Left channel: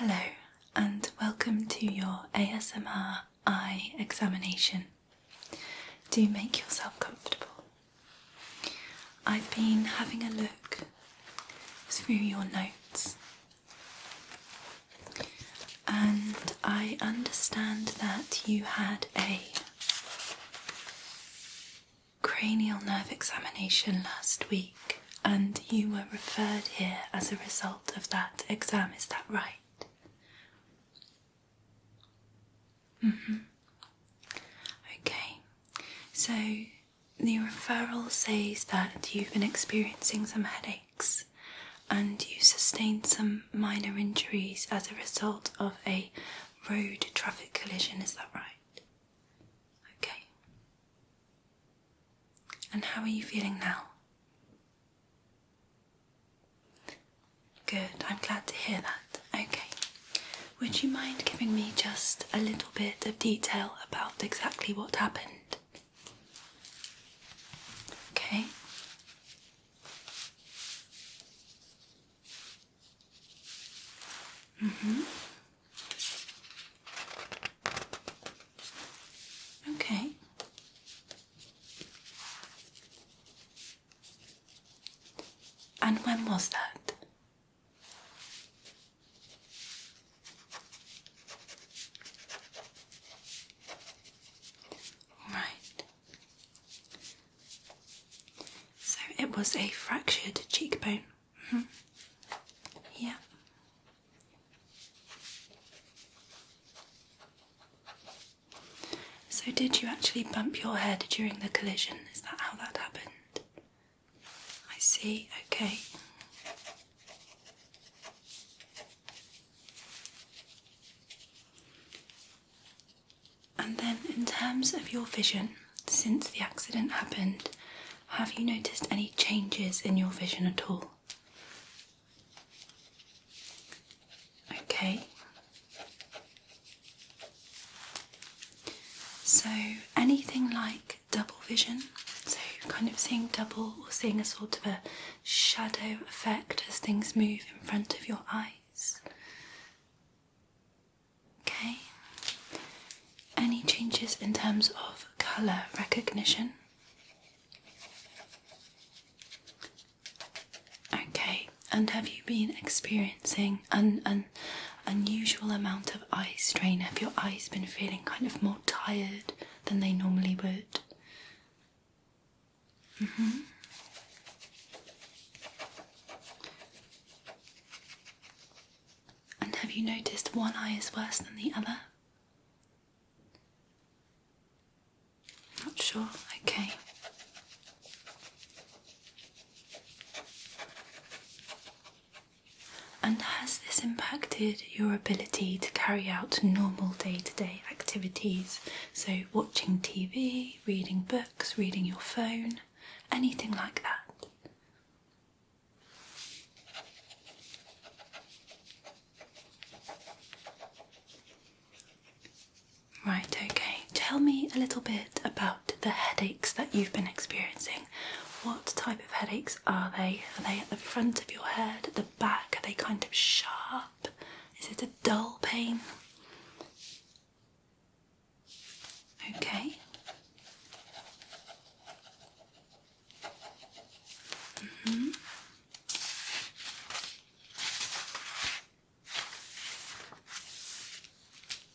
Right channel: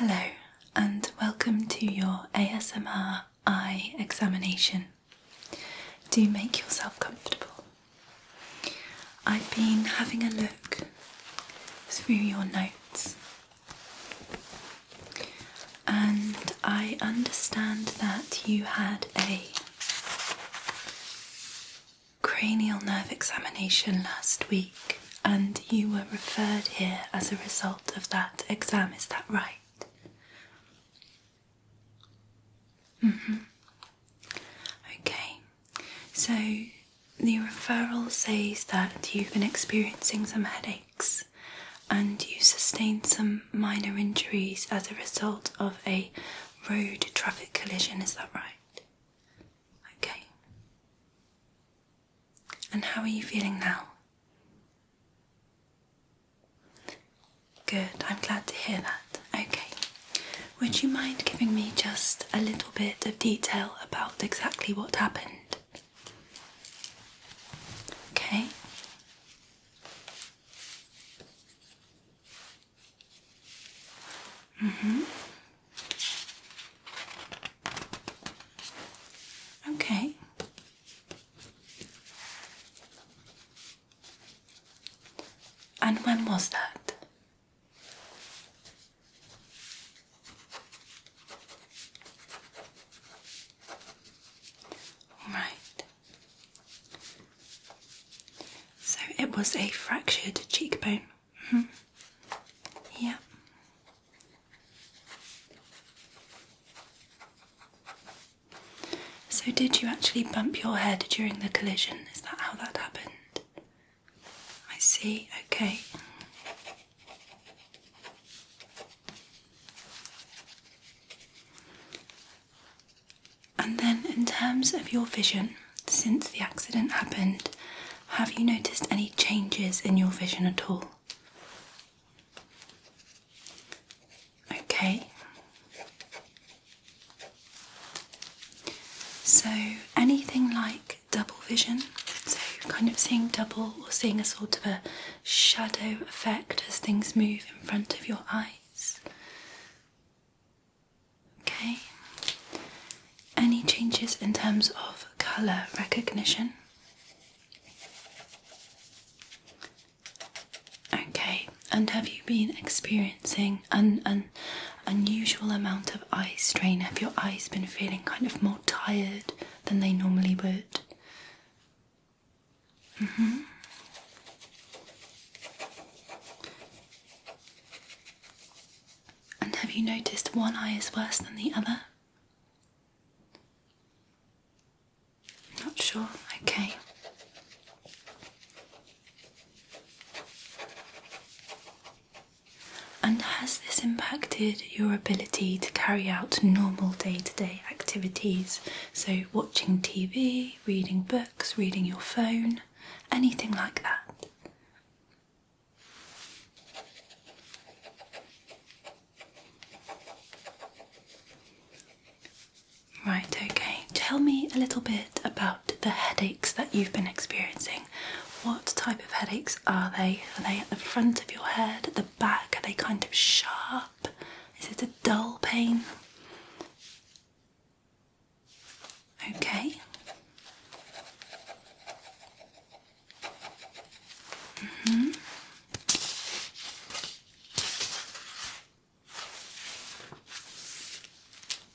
Hello and welcome to your ASMR eye examination. Do make yourself comfortable. I've been having a look through your notes and I understand that you had a cranial nerve examination last week and you were referred here as a result of that exam, is that right? Okay, so the referral says that you've been experiencing some headaches and you sustained some minor injuries as a result of a road traffic collision, is that right? Okay. And how are you feeling now? Good, I'm glad to hear that. Okay. Would you mind giving me just a little bit of detail about exactly what happened? Okay. Okay. And when was that? Right. So it was a fractured cheekbone. Yeah. So did you actually bump your head during the collision? Is that how that happened? I see, okay. And then in terms of your vision, since the accident happened, have you noticed any changes in your vision at all? Okay. So anything like double vision, so kind of seeing double or seeing a sort of a shadow effect as things move in front of your eyes. Okay. Any changes in terms of colour recognition? Okay, and have you been experiencing an unusual amount of eye strain? Have your eyes been feeling kind of more tired than they normally would? And have you noticed one eye is worse than the other? Not sure, okay. And has this impacted your ability to carry out normal day-to-day activities? So watching TV, reading books, reading your phone, anything like that? Right, okay. Tell me a little bit about the headaches that you've been experiencing. What type of headaches are they? Are they at the front of your head, at the back? Are they kind of sharp? Is it a dull pain? Okay.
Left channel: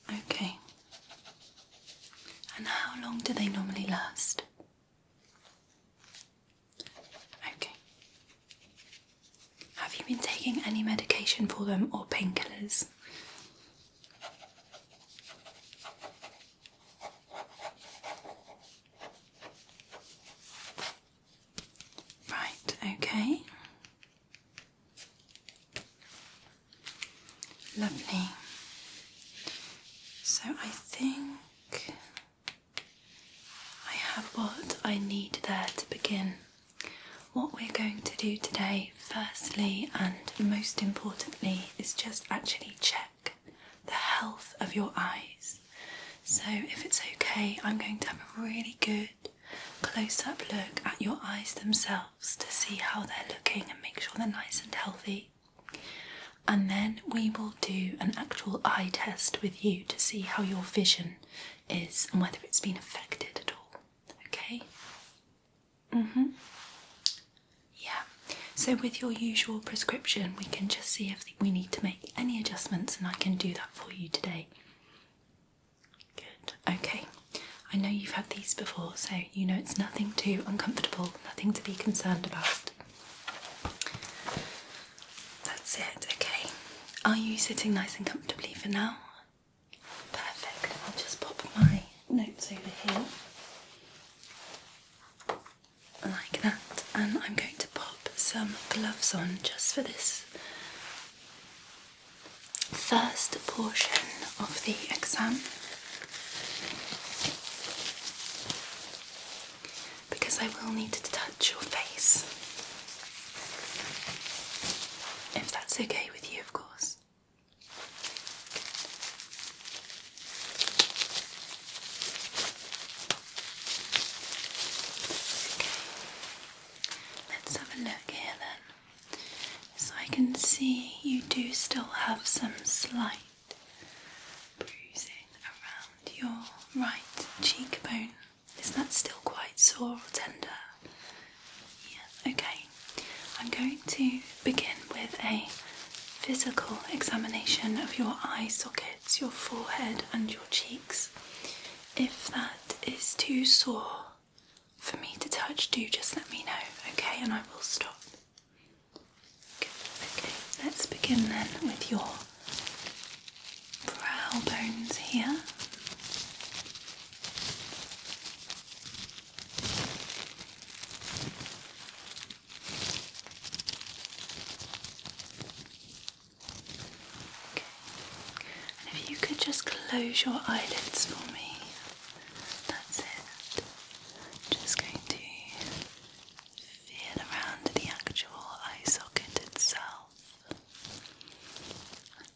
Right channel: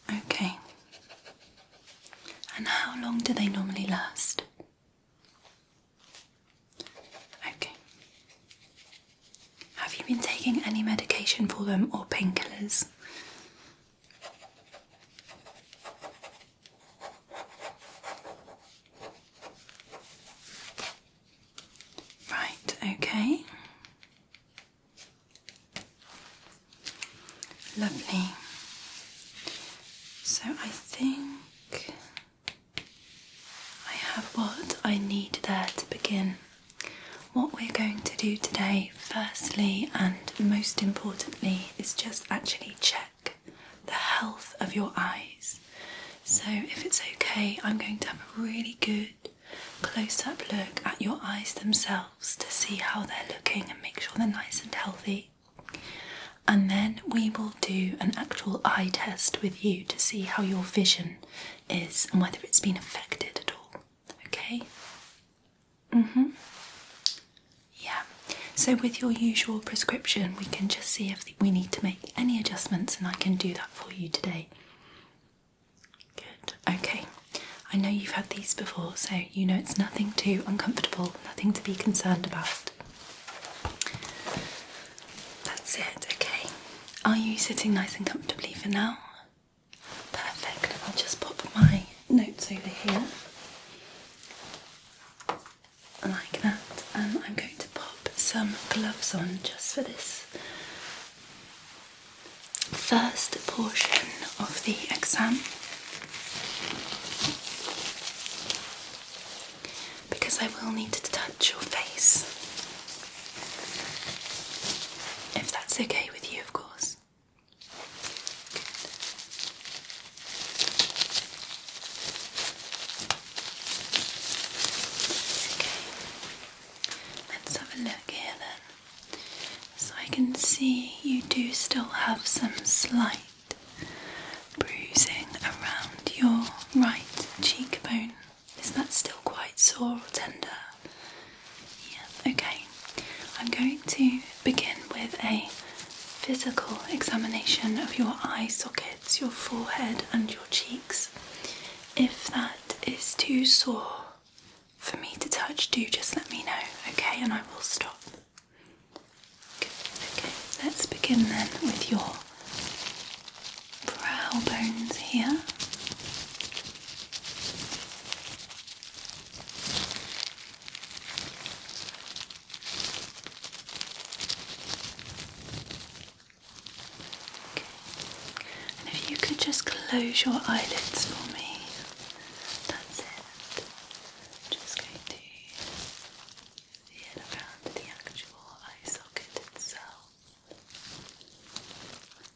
Okay. And how long do they normally last? Okay. Have you been taking any medication for them or painkillers? Right, okay. Lovely. So I think I have what I need there to begin. What we're going to do today, firstly and most importantly, is just actually check the health of your eyes. So if it's okay, I'm going to have a really good close-up look at your eyes themselves to see how they're looking and make sure they're nice and healthy. and then we will do an actual eye test with you to see how your vision is and whether it's been affected at all. Okay? Yeah. So with your usual prescription, we can just see if we need to make any adjustments, and I can do that for you today. Good. Okay. I know you've had these before, so you know it's nothing too uncomfortable, nothing to be concerned about. That's it, okay. Are you sitting nice and comfortably for now? Perfect. I'll just pop my notes over here. Like that. And I'm going to pop some gloves on just for this first portion of the exam. Because I will need to touch your face. If that's okay with you, of course. Okay. Let's have a look here then. So I can see you do still have some slight bruising around your right cheekbone. Is that still quite sore or tender? Yeah, okay. I'm going to begin with a physical examination of your eye sockets, your forehead and your cheeks. If that is too sore for me to touch, do just let me know, okay? And I will stop. Good, okay. Let's begin then with your brow bones here. If you could just close your eyelids for me. That's it. Just going to feel around the actual eye socket itself.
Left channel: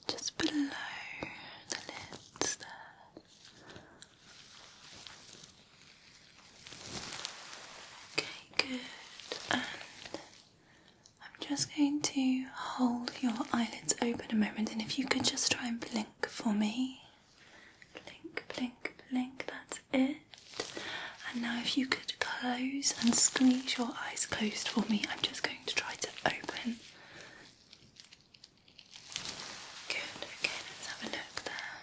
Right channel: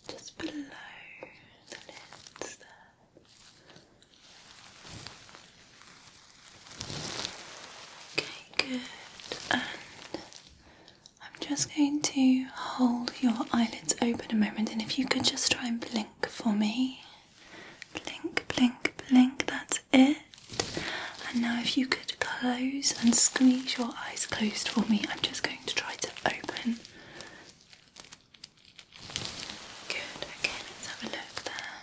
Just below the lids there. Okay, good. And I'm just going to hold your eyelids open a moment, and if you could just try and blink for me. Blink, blink, blink, that's it. And now if you could close and squeeze your eyes closed for me, I'm just going to try to open. Good, okay, let's have a look there.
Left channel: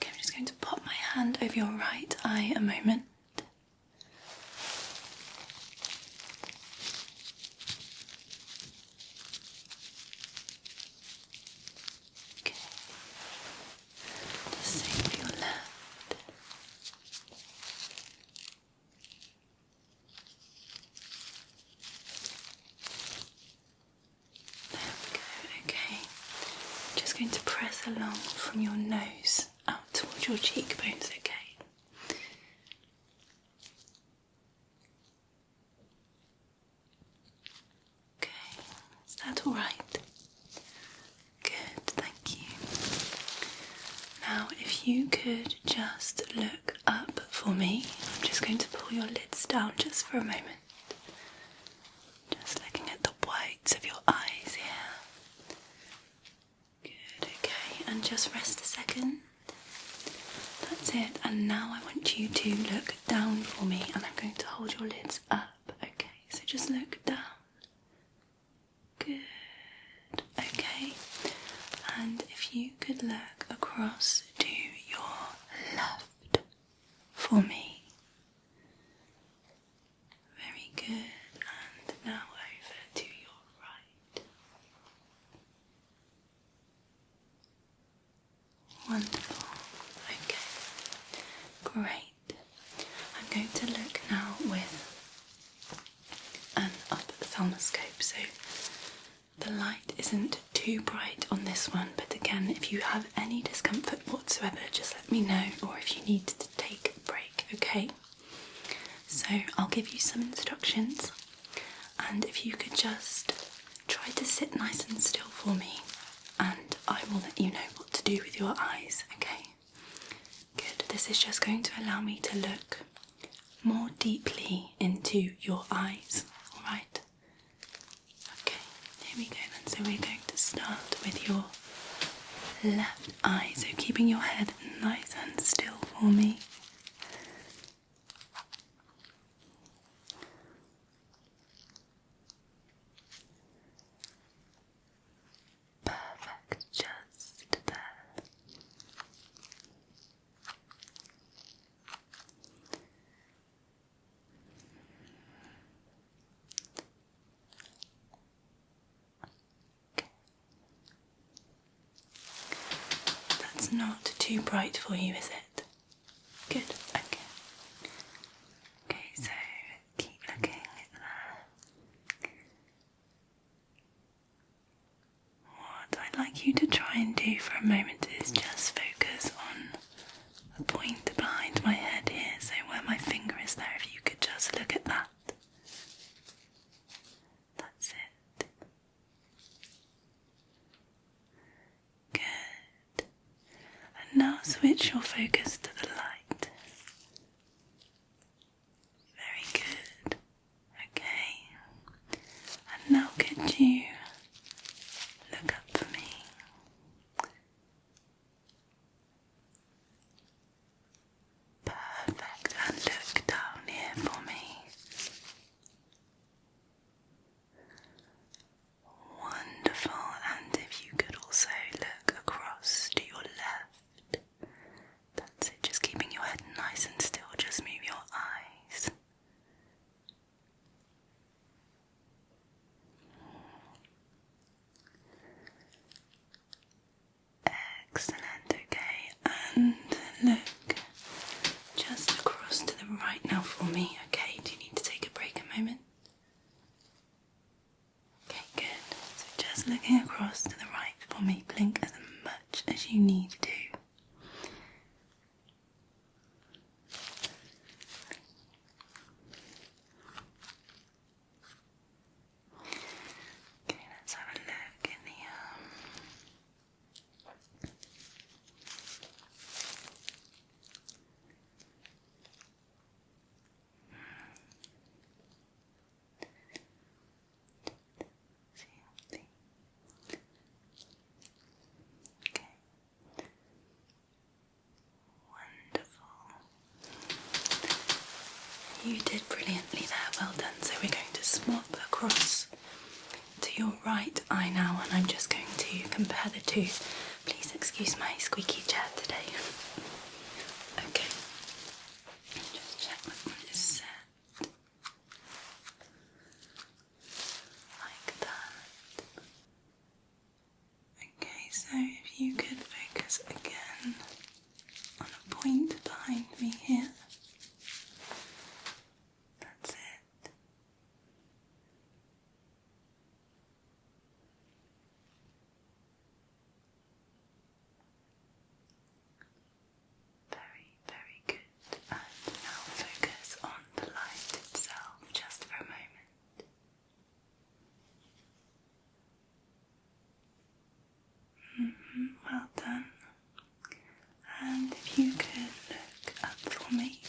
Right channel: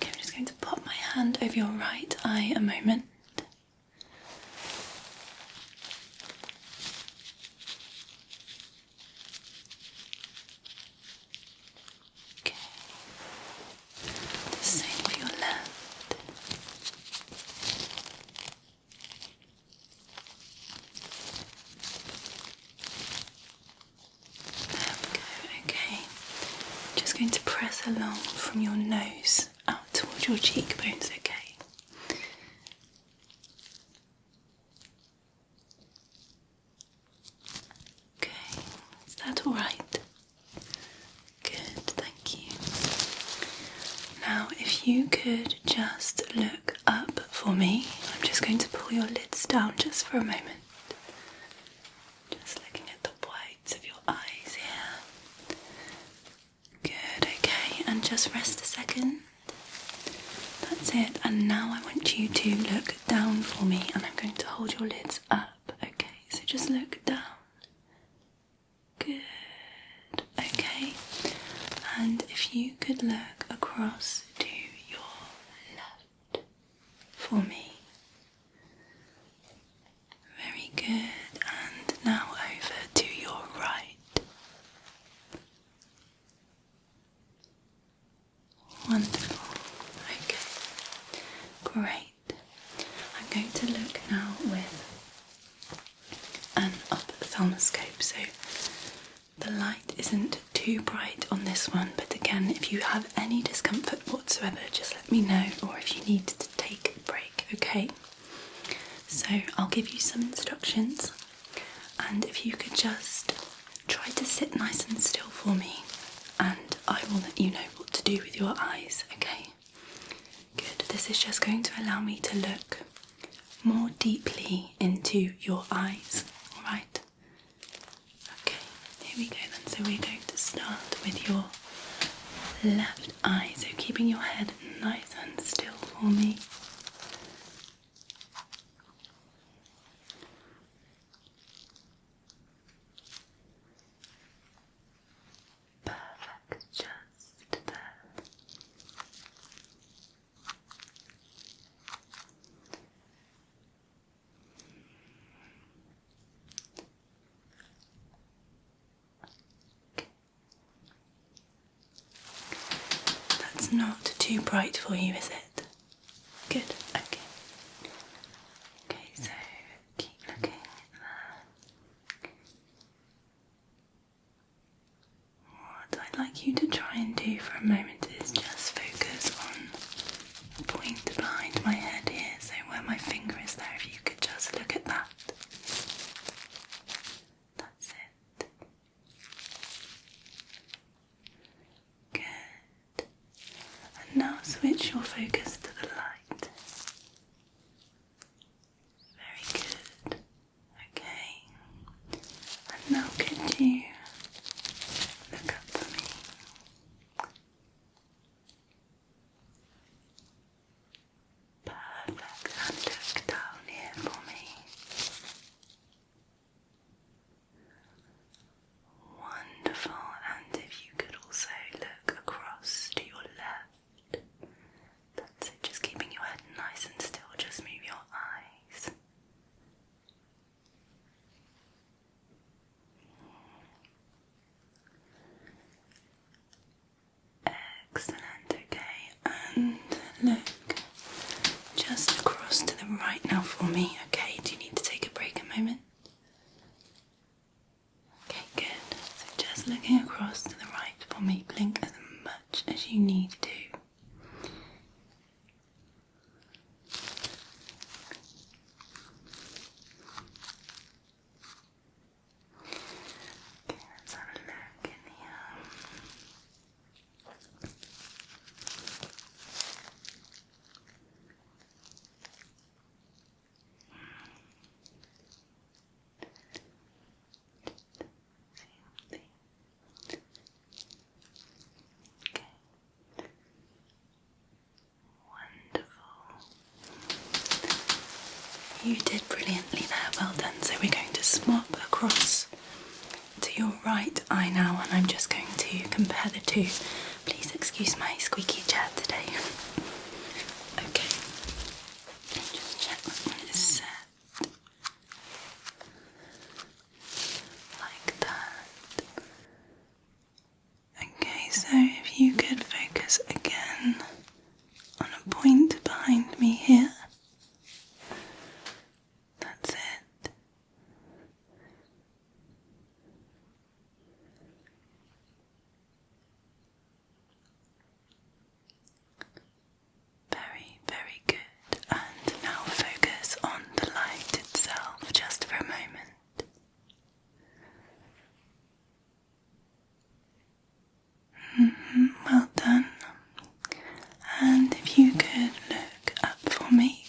Okay, I'm just going to pop my hand over your right eye a moment. Going to press along from your nose out towards your cheekbones, okay? Okay, is that alright? Good, thank you. Now, if you could just look up for me, I'm just going to pull your lids down just for a moment. Just looking at the whites of your eyes here. And just rest a second. That's it. And now I want you to look down for me, and I'm going to hold your lids up. Okay, so just look down. Good. Okay. And if you could look across to your left for me. Very good. And now over to your right. Wonderful. Okay. Great. I'm going to look now with an ophthalmoscope. So the light isn't too bright on this one, but again, if you have any discomfort whatsoever, just let me know, or if you need to take a break, okay? So I'll give you some instructions, and if you could just try to sit nice and still for me, and I will let you know what to do with your eyes, okay? Good. This is just going to allow me to look more deeply into your eyes, alright? Here we go then. So we're going to start with your left eye. So keeping your head nice and still for me. Perfect, just there. That's not too bright for you, is it? Good, okay. Okay, so keep looking there. What I'd like you to try and do for a moment is just focus on the point behind my head here, so where my finger is there, if you could just look at that. That's it. Good. And now switch your focus to the light. Very good. Okay. And now could you look up for me? Perfect. And look down here for me. Wonderful. And if you could also look across to your left. That's it. Just keeping your head nice and still. Just move your eyes. Excellent, okay, and look just across to the right now for me, okay? Do you need to take a break a moment? Okay, good. So just looking across to the right for me, blink as much as you need to. Okay, let's have a look in here. You did brilliantly there, well done. So we're going to swap across to your right eye now, and I'm just going to compare the two. Please excuse my squeaky chair today. Okay, just check that one is set like that. Okay, so if you could focus again on a point behind me here. That's it. Very, very good. And now focus on the light itself just for a moment. Well done. And if you could look up for me.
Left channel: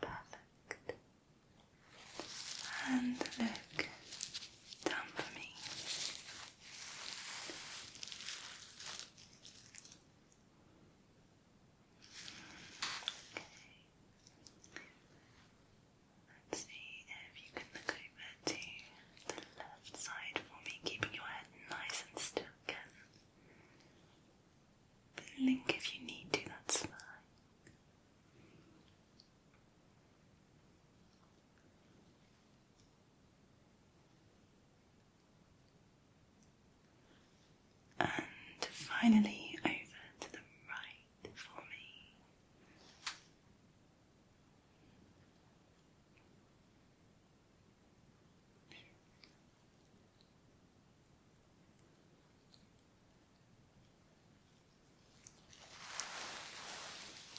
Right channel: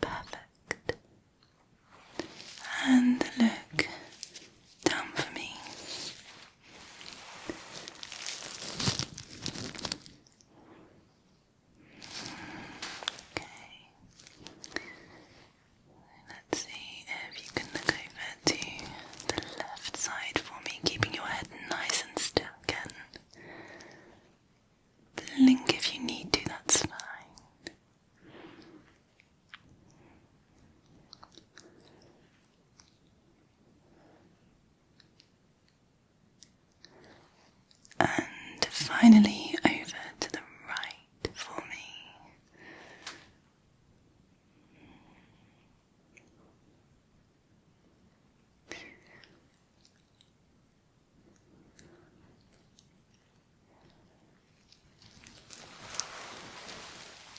Perfect. And look down for me. Okay. Let's see if you can look over to the left side for me, keeping your head nice and still again. Blink if you need to, that's fine. And finally over to the right for me.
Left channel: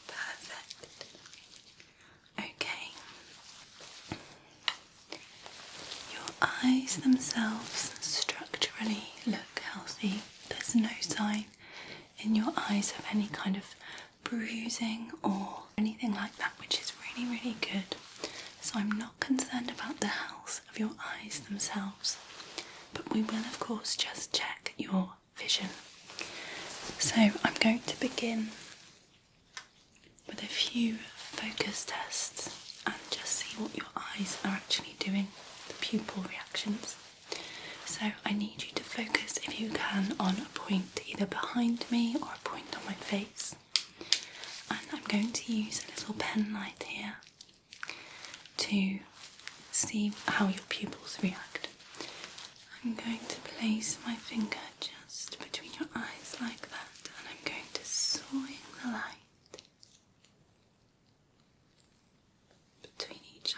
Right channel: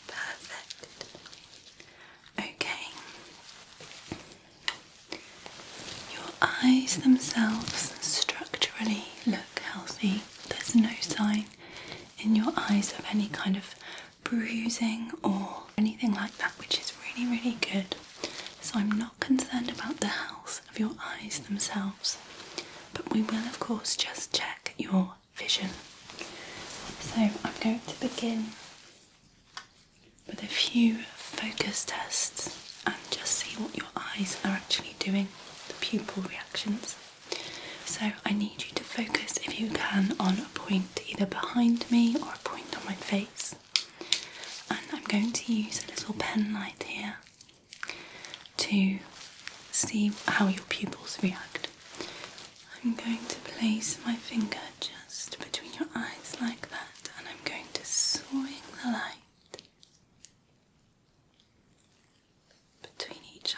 Perfect. Okay. Your eyes themselves structurally look healthy. There's no sign in your eyes of any kind of bruising or anything like that, which is really, really good. So I'm not concerned about the health of your eyes themselves, but we will of course just check your vision. So I'm going to begin with a few focus tests and just see what your eyes are actually doing, the pupil reactions. So I need you to focus, if you can, on a point either behind me or a point on my face. And I'm going to use a little pen light here to see how your pupils react. I'm going to place my finger just between your eyes like that, and I'm going to swing the light between each eye.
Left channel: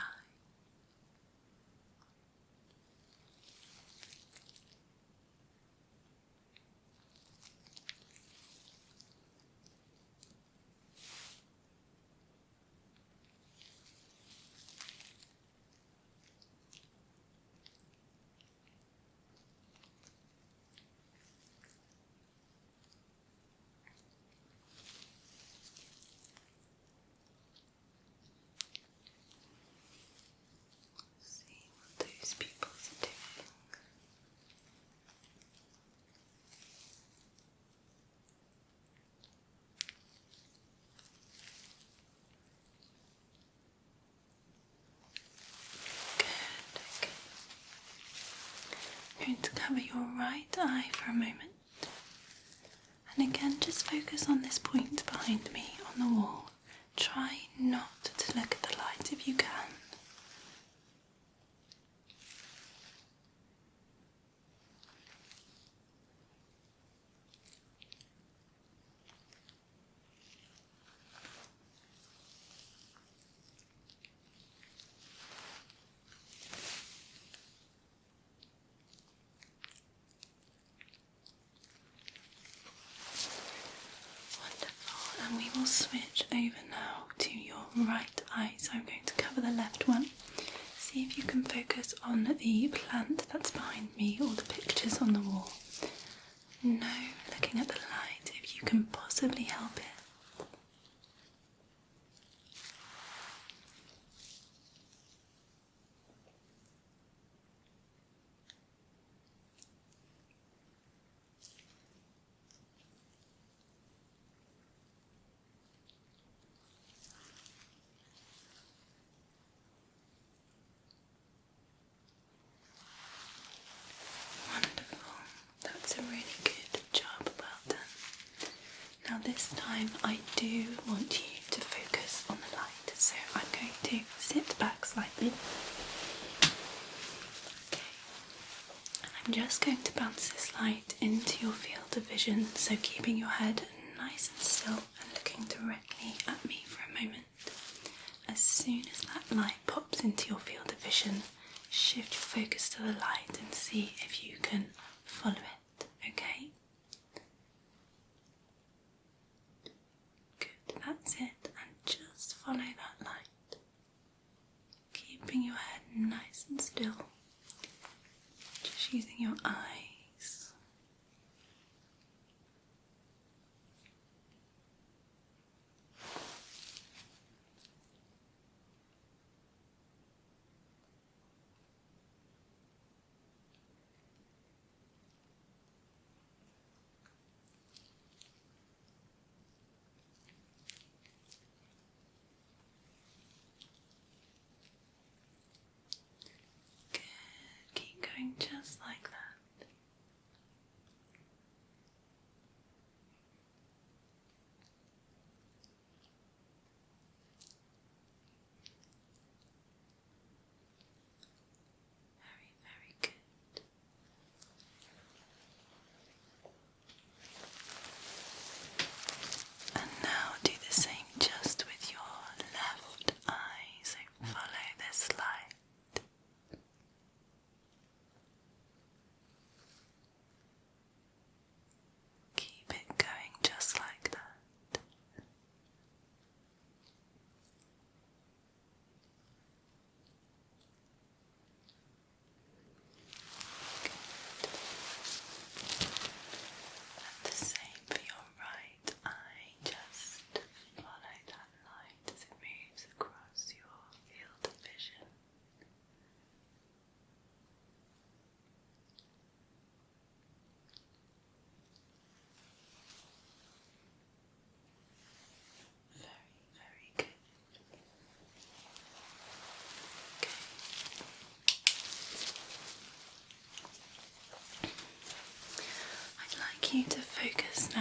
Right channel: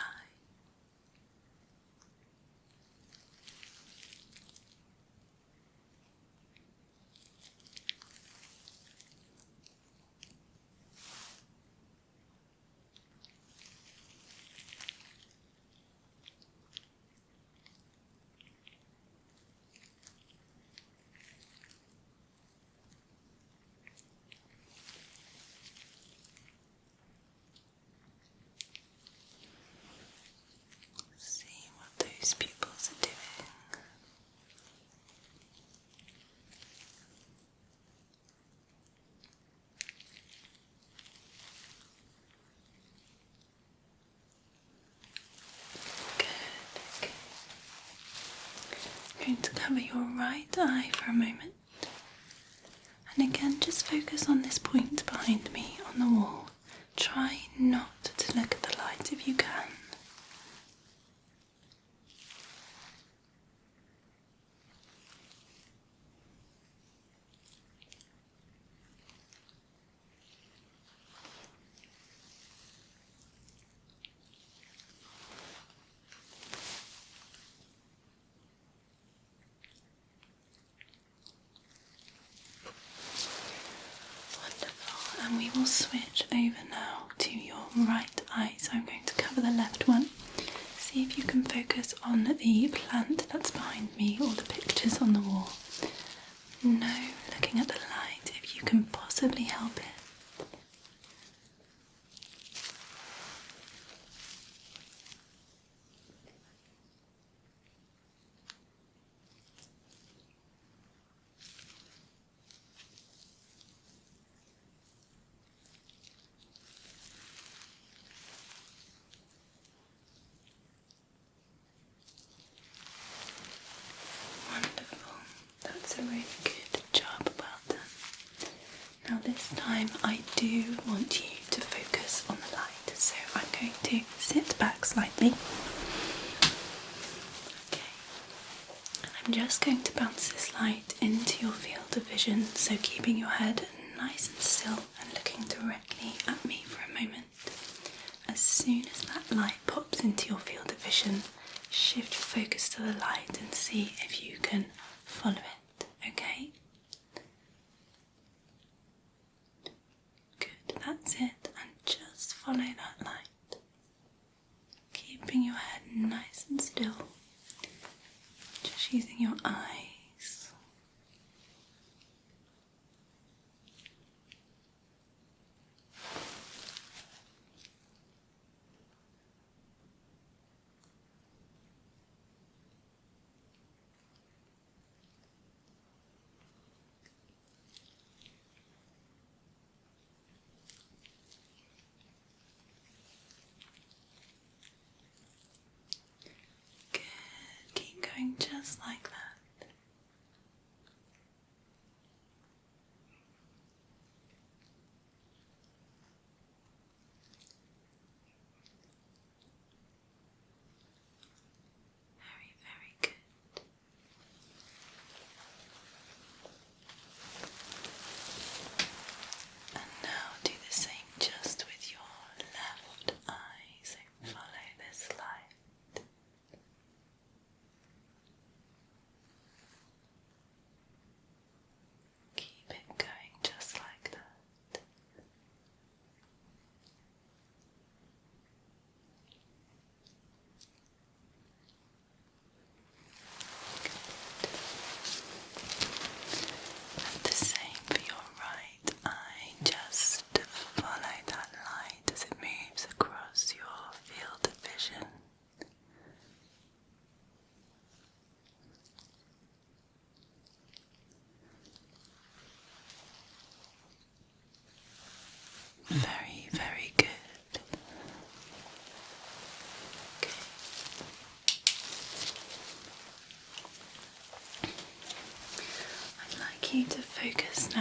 See what those pupils are doing. Good, okay. I'm going to cover your right eye for a moment. And again, just focus on this point behind me on the wall. Try not to look at the light if you can. Wonderful, and we will switch over now to your right eye. So I'm going to cover the left one. See if you can focus on the plant that's behind me or the pictures on the wall. No looking at the light if you can possibly help it. Wonderful. That's a really good job, well done. Now this time I do want you to focus on the light, so I'm going to sit back slightly. Okay. And I'm just going to bounce this light into your field of vision, so keeping your head nice and still and looking directly at me for a moment. As soon as that light pops into your field of vision, shift your focus to the light and see if you can follow it, okay? Good, that's it, and just follow that light. Keeping your head nice and still, just using your eyes. Good, keep going just like that. Very, very good. And now do the same just with your left eye, so follow this light.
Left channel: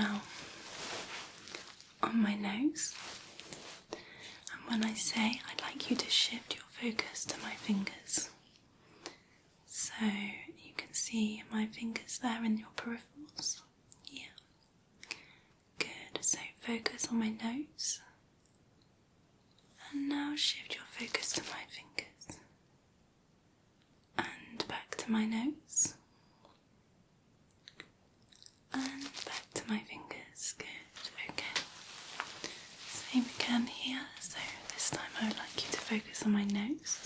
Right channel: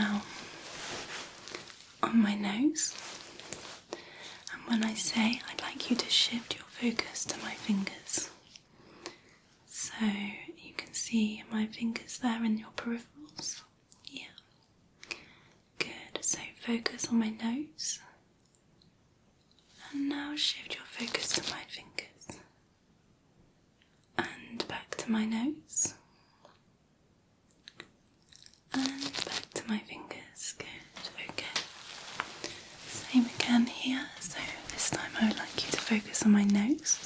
now on my nose, and when I say, I'd like you to shift your focus to my fingers. So you can see my fingers there in your peripherals. Yeah. Good. So focus on my nose. And now shift your focus to my fingers. And back to my nose. And back to my fingers. Good. Okay. Same again here. So this time I would like you to focus on my nose.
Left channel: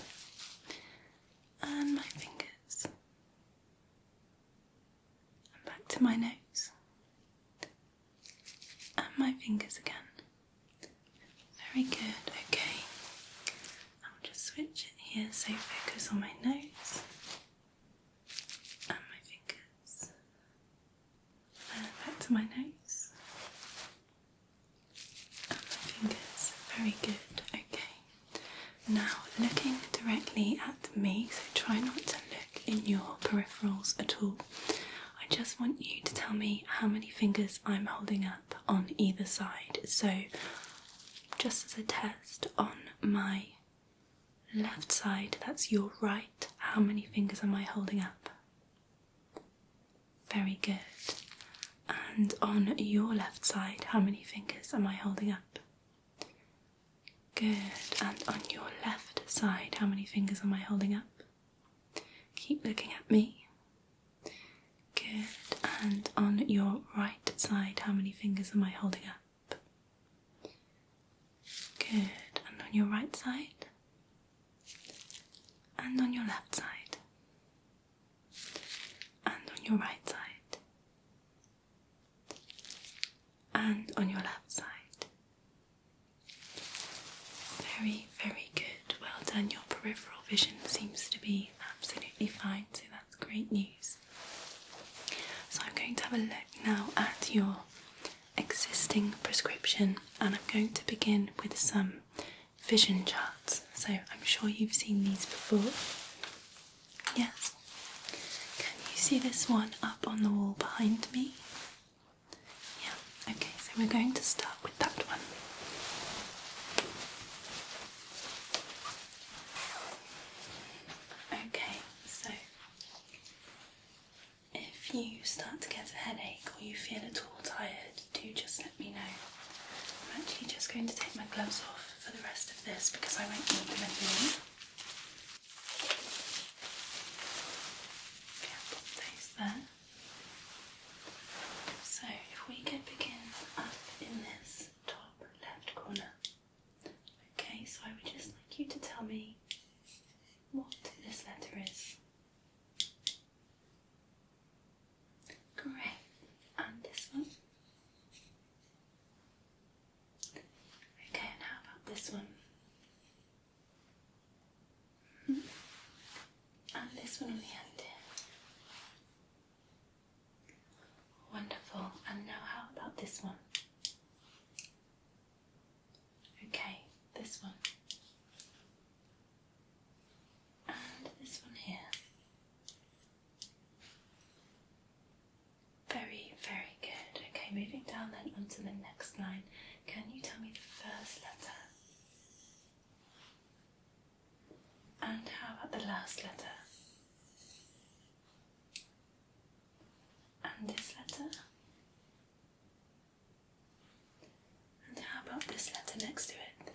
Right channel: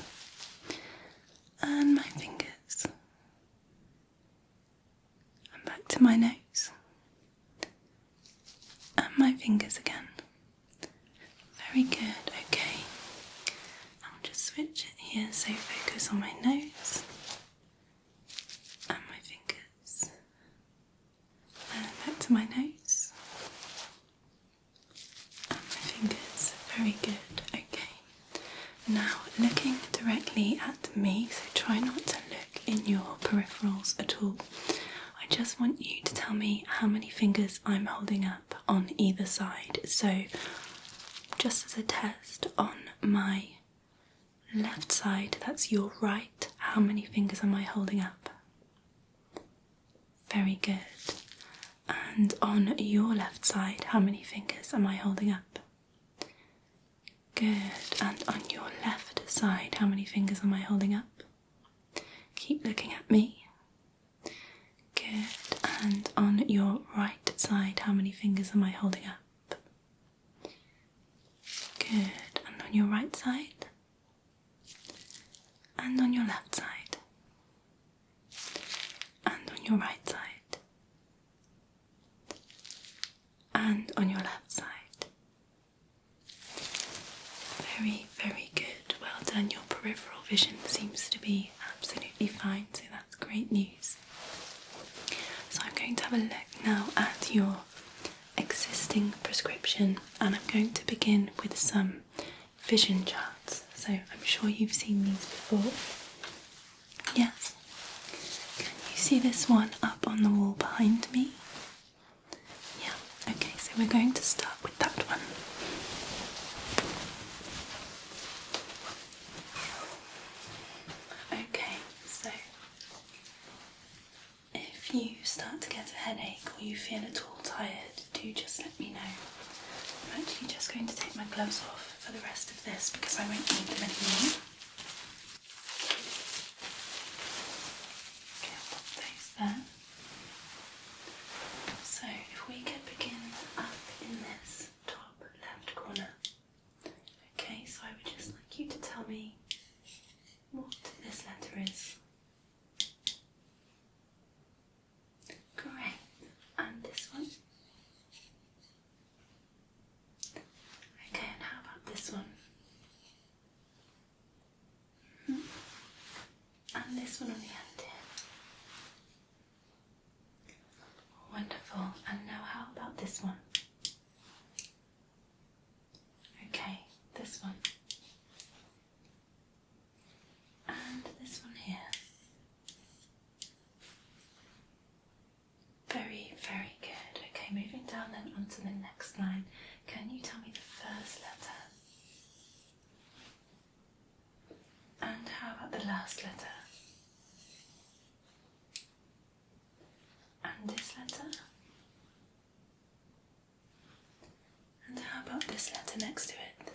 And my fingers. And back to my nose. And my fingers again. Very good, okay. I'll just switch it here, so focus on my nose and my fingers. And back to my nose and my fingers. Very good, okay. Now looking directly at me, so try not to look in your peripherals at all. I just want you to tell me how many fingers I'm holding up on either side. So just as a test, on my left side, that's your right, how many fingers am I holding up? Very good. And on your left side, how many fingers am I holding up? Good. And on your left side, how many fingers am I holding up? Keep looking at me. Good. And on your right side, how many fingers am I holding up? Good. And on your right side? And on your left side? And on your right side? And on your left side? Very, very good. Well done. Your peripheral vision seems to be absolutely fine, so that's great news. So I'm going to have a look now at your existing prescription, and I'm going to begin with some vision charts. So I'm sure you've seen these before. Yes. Can you see this one up on the wall behind me? Yeah. Okay, so we're going to start with that one. Okay, so if you start to get a headache or you feel at all tired, do just let me know. I'm actually just going to take my gloves off for the rest of this because I won't need them anymore. Okay, I'll put those there. So if we could begin up in this top left corner. Okay, so I would just like you to tell me what this letter is. Great. And this one? Okay, and how about this one? And this one on the end here. Wonderful. And now how about this one? Okay, this one. And this one here. Very, very good. Okay, moving down then onto the next line. Can you tell me the first letter? And how about the last letter? And this letter? And how about this letter next to it?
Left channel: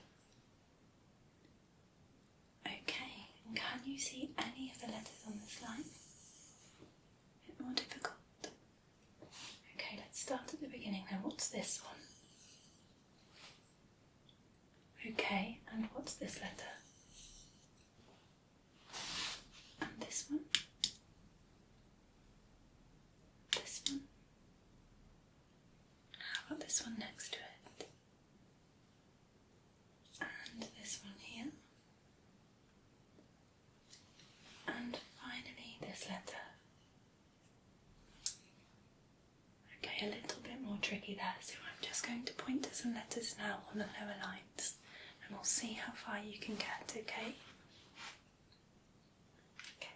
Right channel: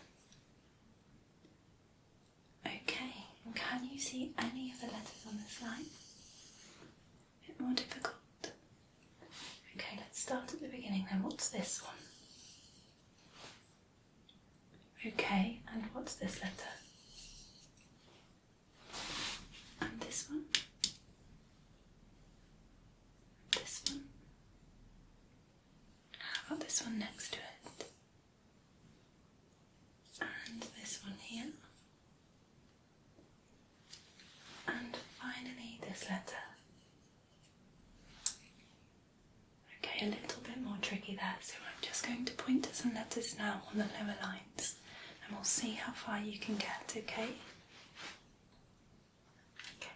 Okay, and can you see any of the letters on this line? A bit more difficult. Okay, let's start at the beginning then. What's this one? Okay, and what's this letter? And this one? This one? How about this one next to it? And this one here? And finally this letter. Okay, a little bit more tricky there, so I'm just going to point to some letters now on the lower lines, and we'll see how far you can get, okay? Okay.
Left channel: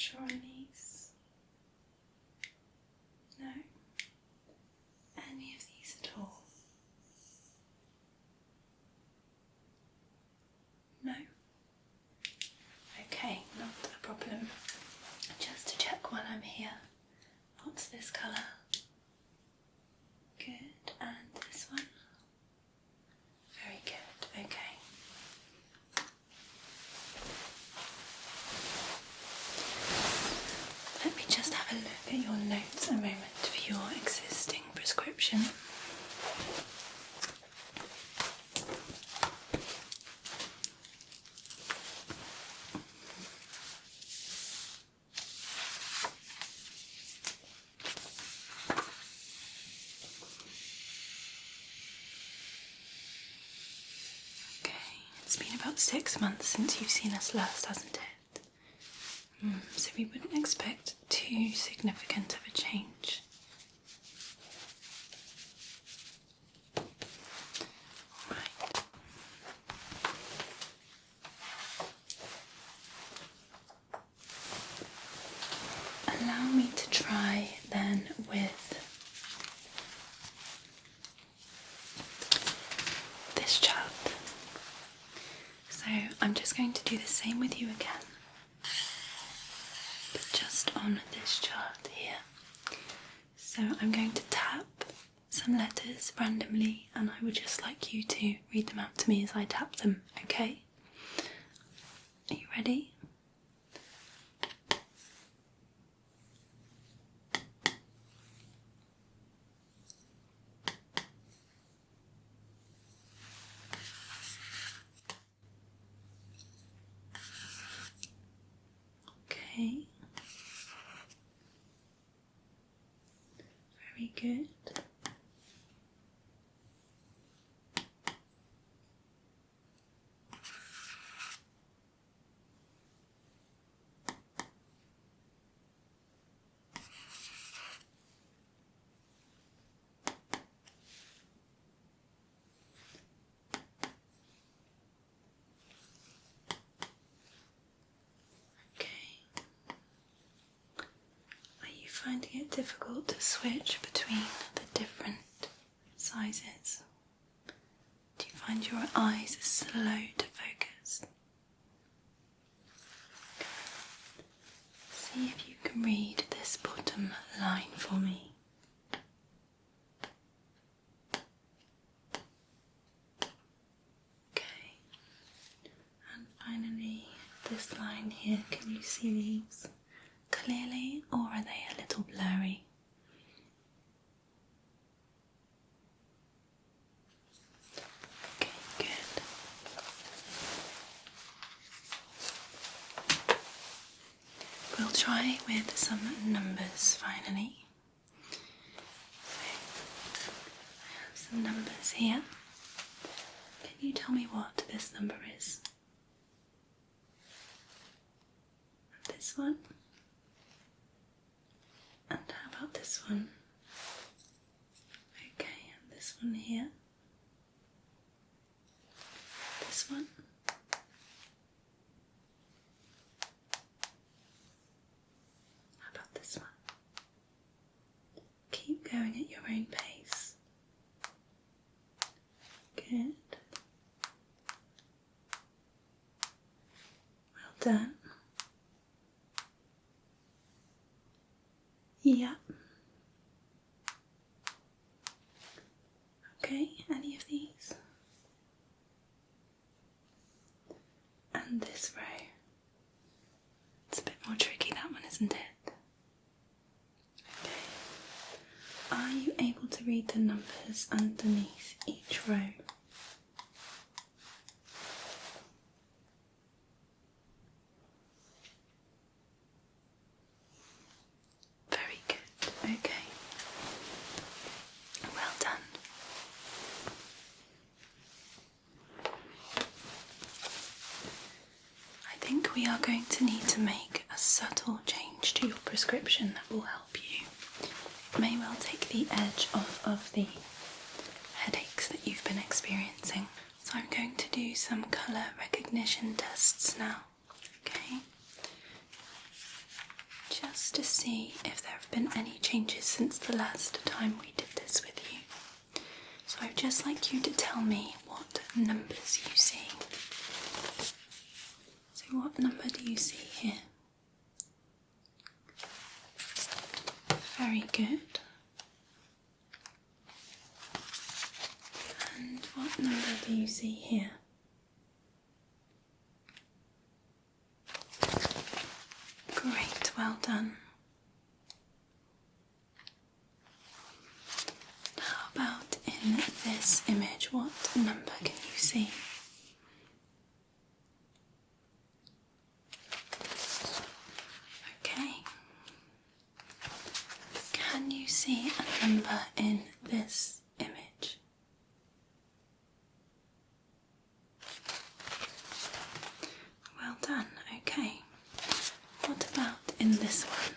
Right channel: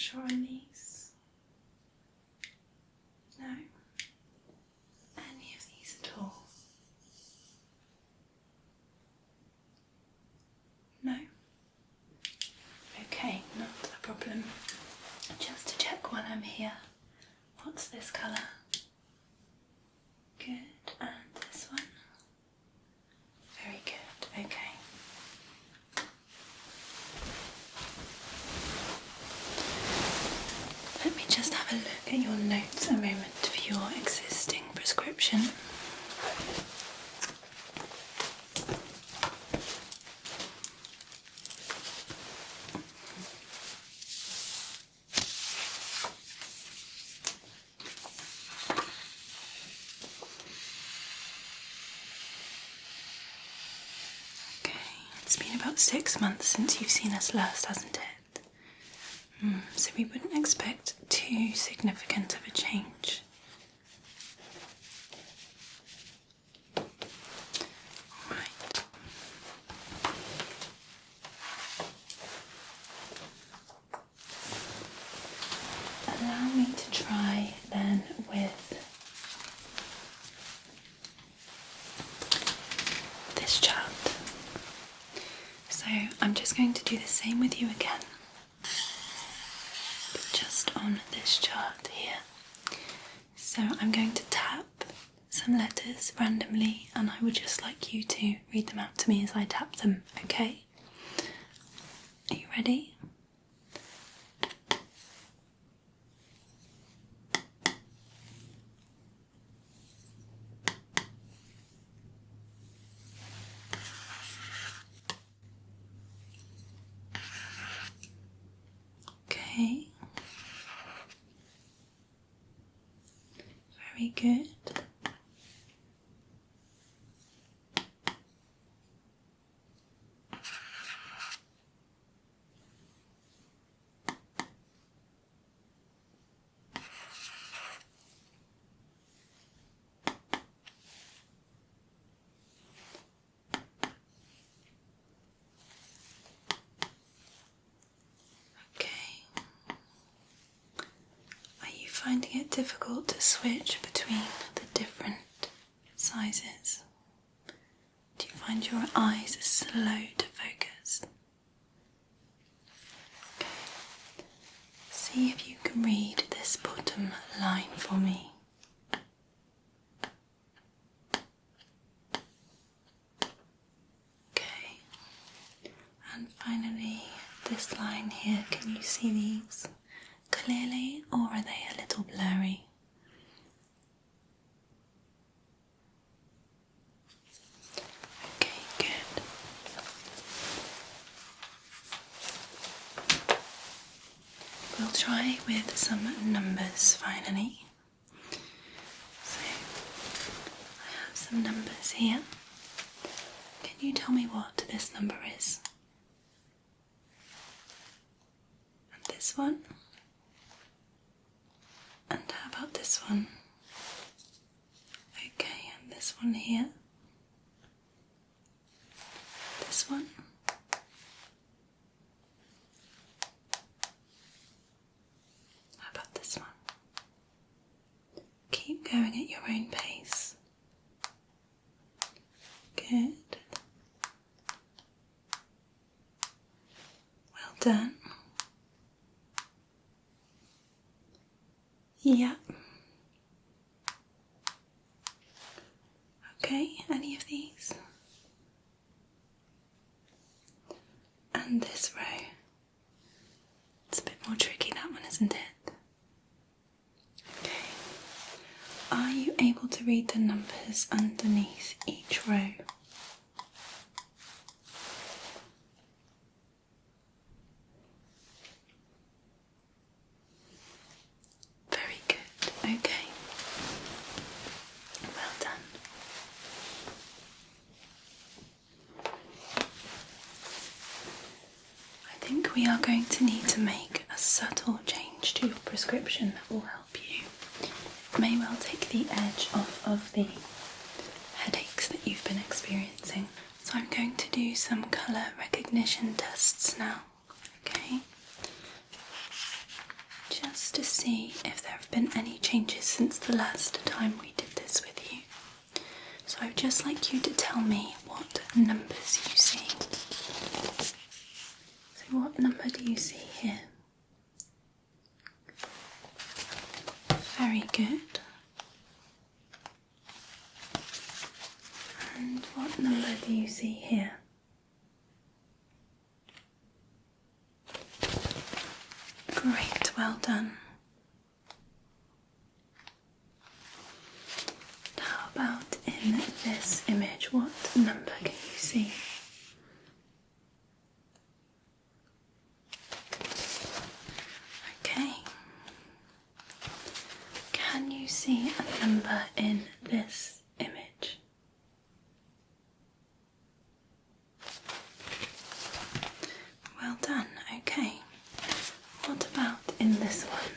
sure on these? No? Any of these at all? No? Okay, not a problem. Just to check while I'm here, what's this colour? Good, and this one? Very good, okay. Let me just have a look at your notes a moment for your existing prescription. Okay, it's been about 6 months since you've seen us last, hasn't it? So we wouldn't expect too significant of a change. Alright. Allow me to try then with this chart. So I'm just going to do the same with you again. Just on this chart here. So I'm going to tap some letters randomly and I would just like you to read them out to me as I tap them, okay? Are you ready? Okay. Very good. Finding it difficult to switch between the different sizes? Do you find your eyes are slow to focus? Okay. See if you can read this bottom line for me. Okay. And finally, this line here, can you see these clearly, or are they a little blurry? Okay, good. We'll try with some numbers finally. So, I have some numbers here. Can you tell me what this number is? And this one? And how about this one? Okay, and this one here. This one. How about this one? Keep going at your own pace. Good. Well done. Yeah. Okay, any of these? And this row. It's a bit more tricky, that one, isn't it? Okay. Are you able to read the numbers underneath each row? Very good. Okay. Well done. I think we are going to need to make a subtle change to your prescription that will help you. It may well take the edge off of the headaches that you've been experiencing. So I'm going to do some colour recognition tests now, okay? just to see if there have been any changes since the last time we did this with you. So I would just like you to tell me what numbers you see. So what number do you see here? Very good. And what number do you see here? Great, well done. How about in this image, what number can you see? Okay. Can you see a number in this image? Well done, okay. What about in this one?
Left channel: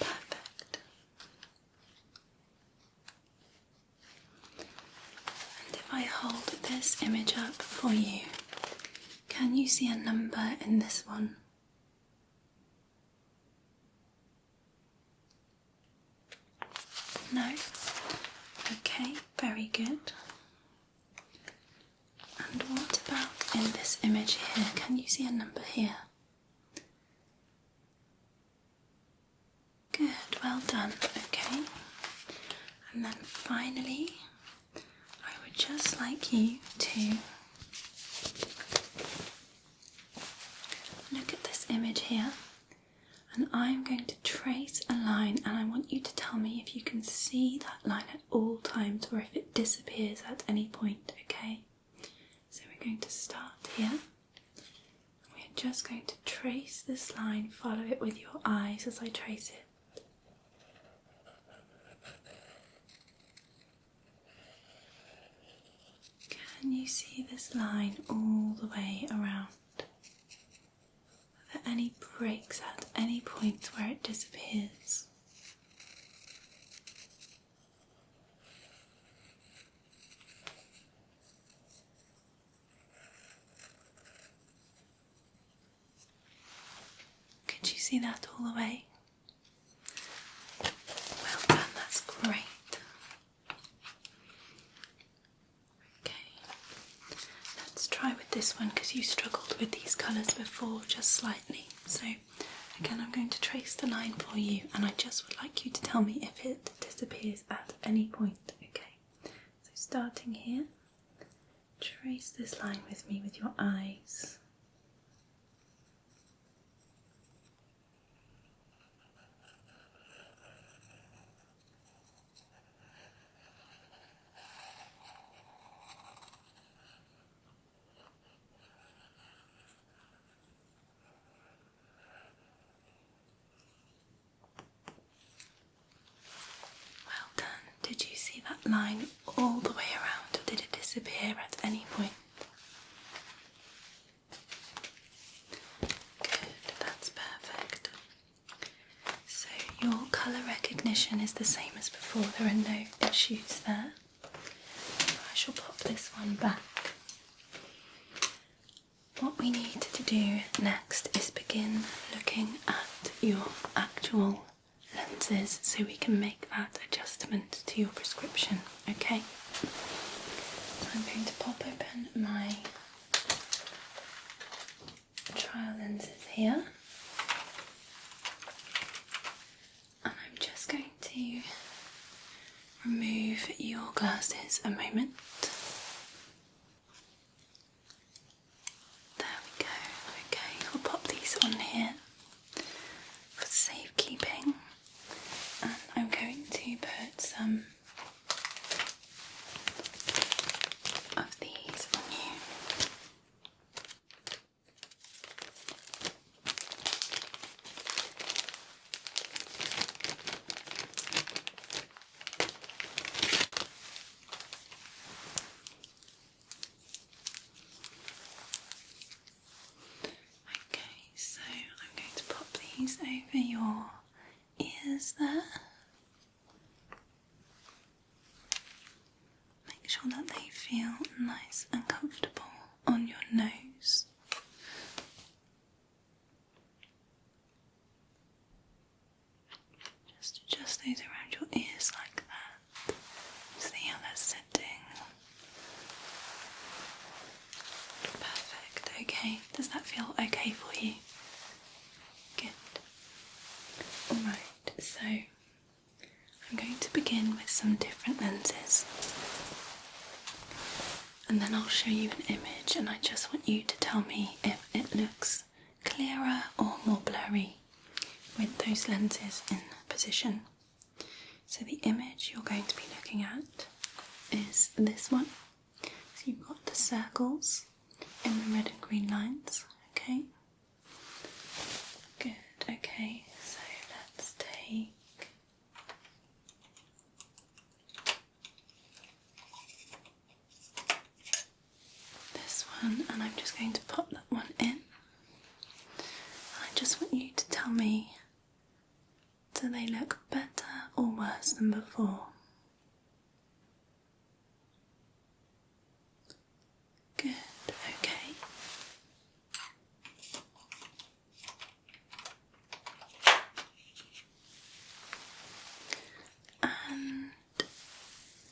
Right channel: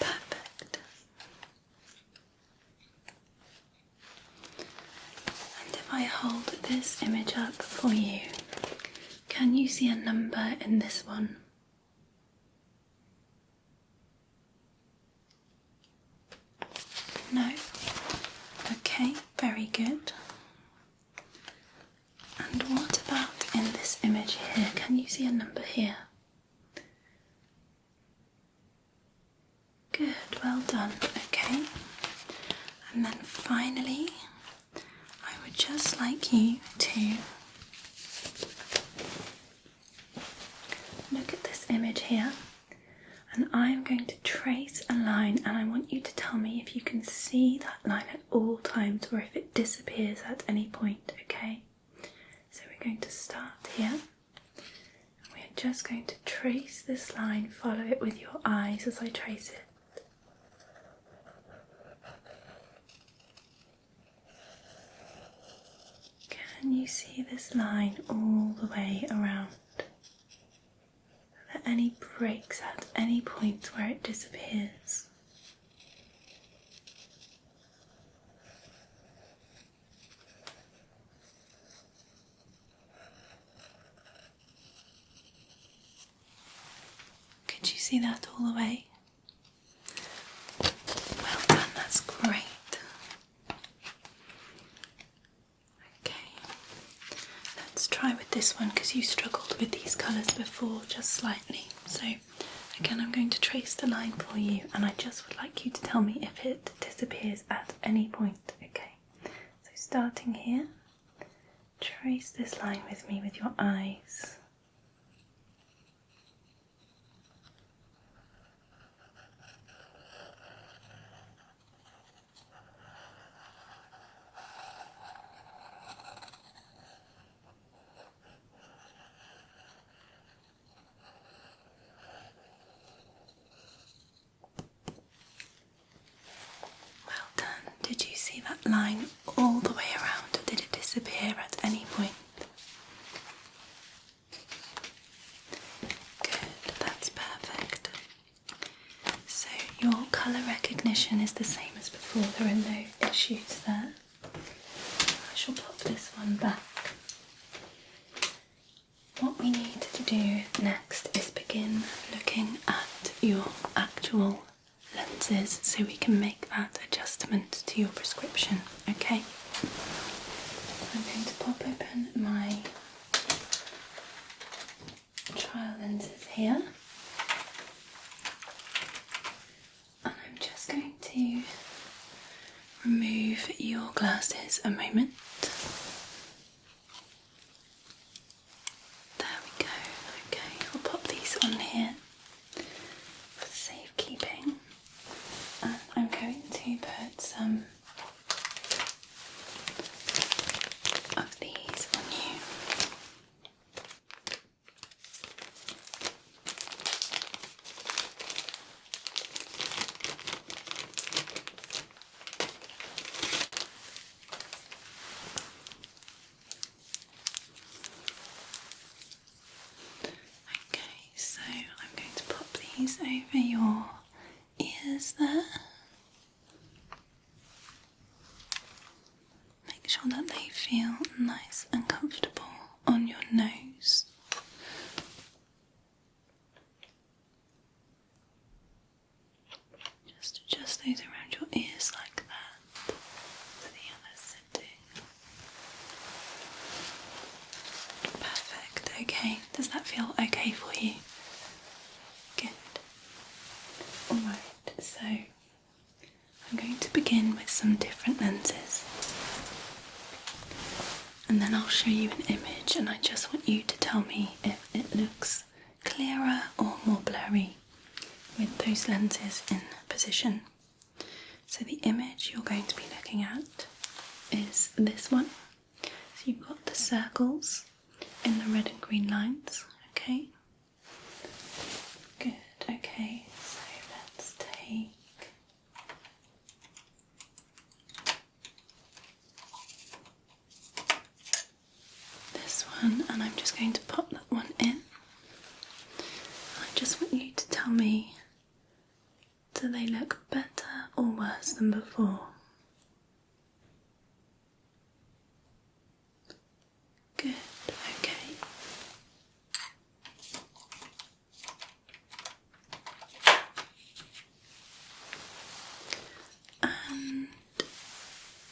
Perfect. And if I hold this image up for you, can you see a number in this one? No? Okay, very good. And what about in this image here? Can you see a number here? Good, well done. Okay. And then finally, I would just like you to look at this image here. And I'm going to trace a line, and I want you to tell me if you can see that line at all times or if it disappears at any point, okay? So we're going to start here. We're just going to trace this line, follow it with your eyes as I trace it. Can you see this line all the way around? Are there any breaks at any point where it disappears? Could you see that all the way? Well done, that's great. Okay, let's try with this one because you struggled with these colours before just slightly. So again, I'm going to trace the line for you, and I just would like you to tell me if it disappears at any point, okay? So starting here, trace this line with me with your eyes. Well done. Did you see that line all the way around, or did it disappear at any point? Good, that's perfect. So your colour recognition is the same as before, there are no issues there. I shall pop this one back. What we need to do next is begin looking at your actual lenses so we can make that adjustment to your prescription, okay? I'm going to pop open my trial lenses here, and I'm just going to remove your glasses a moment. There we go. Okay, I'll pop these on here for safekeeping, and I'm going to put some of these on you. Okay, so I'm going to pop these over your ears there. Make sure that they feel nice and comfortable on your nose. Okay, does that feel okay for you? Good. Alright, so I'm going to begin with some different lenses. And then I'll show you an image, and I just want you to tell me if it looks clearer or more blurry with those lenses in position. So the image you're going to be looking at is this one. So you've got the circles in the red and green lines, okay? Good, okay, so let's take this one, and I'm just going to pop that one in. I just want you to tell me, do they look better or worse than before? Good, okay. And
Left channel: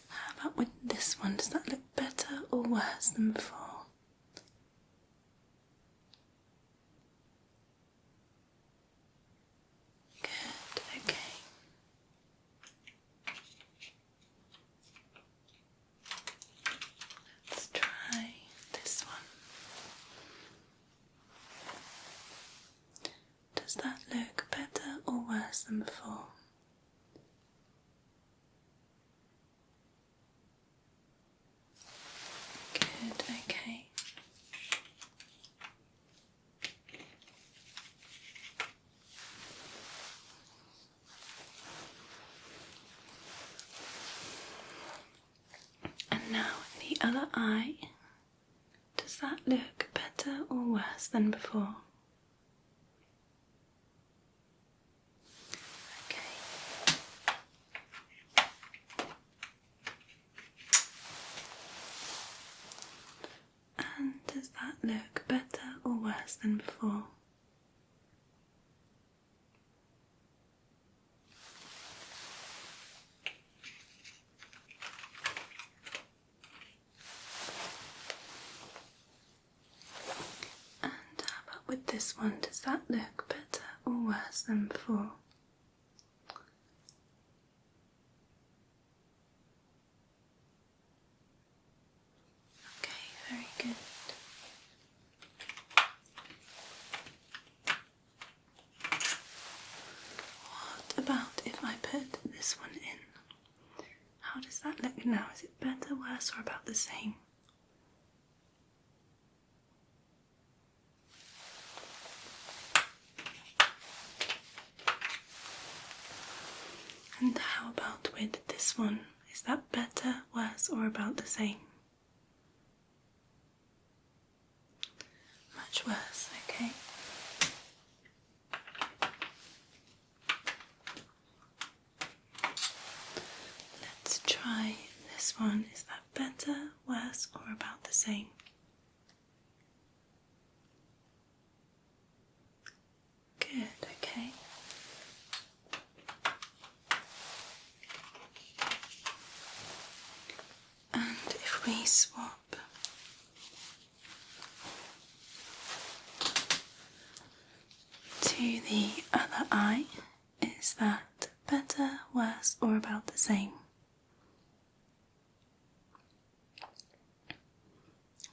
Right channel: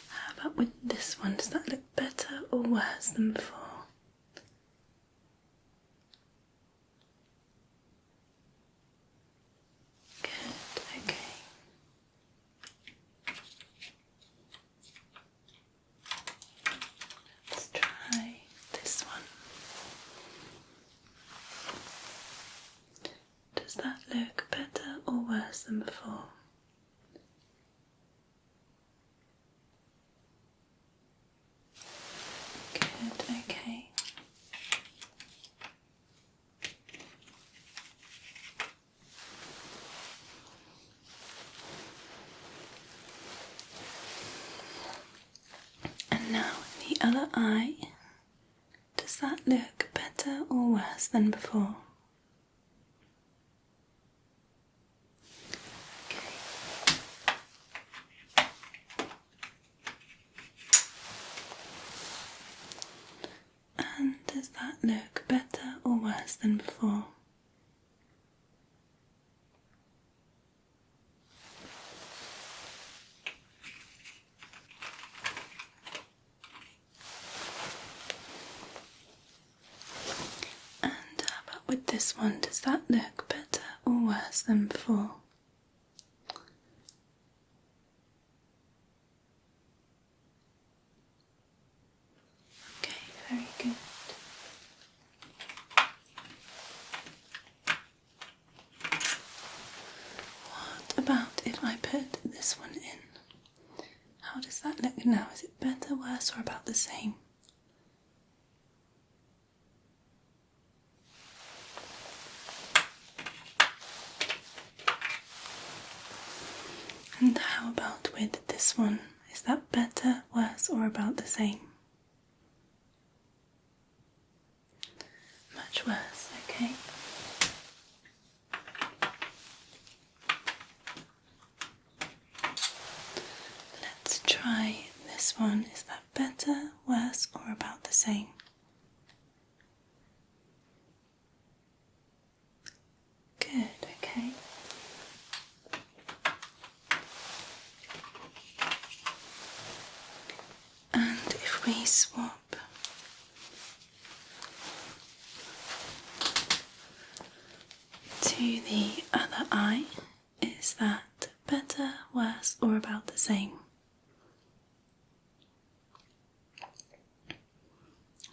how about with this one? Does that look better or worse than before? Good, okay. Let's try this one. Does that look better or worse than before? Good, okay. And now the other eye. Does that look better or worse than before? Okay. And does that look better or worse than before? And how about with this one? Does that look better or worse than before? Okay, very good. What about if I put this one in? How does that look now? Is it better, worse, or about the same? And how about with this one? Is that better, worse, or about the same? Much worse, okay. Let's try this one. Is that better, worse, or about the same? Good, okay. And if we swap to the other eye, is that better, worse, or about the same?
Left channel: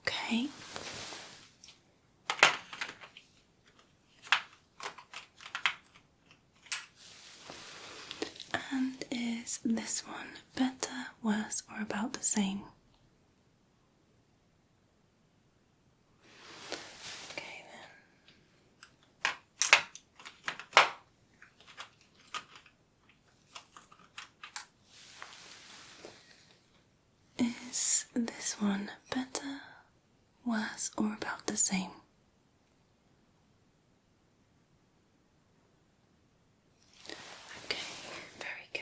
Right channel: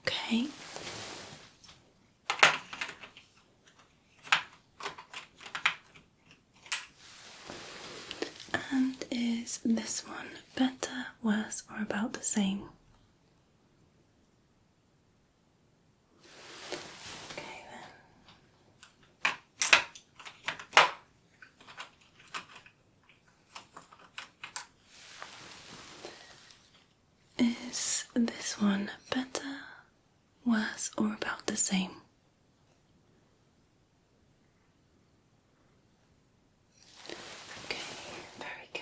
Okay. And is this one better, worse, or about the same? Okay then. Is this one better, worse, or about the same? Okay, very good.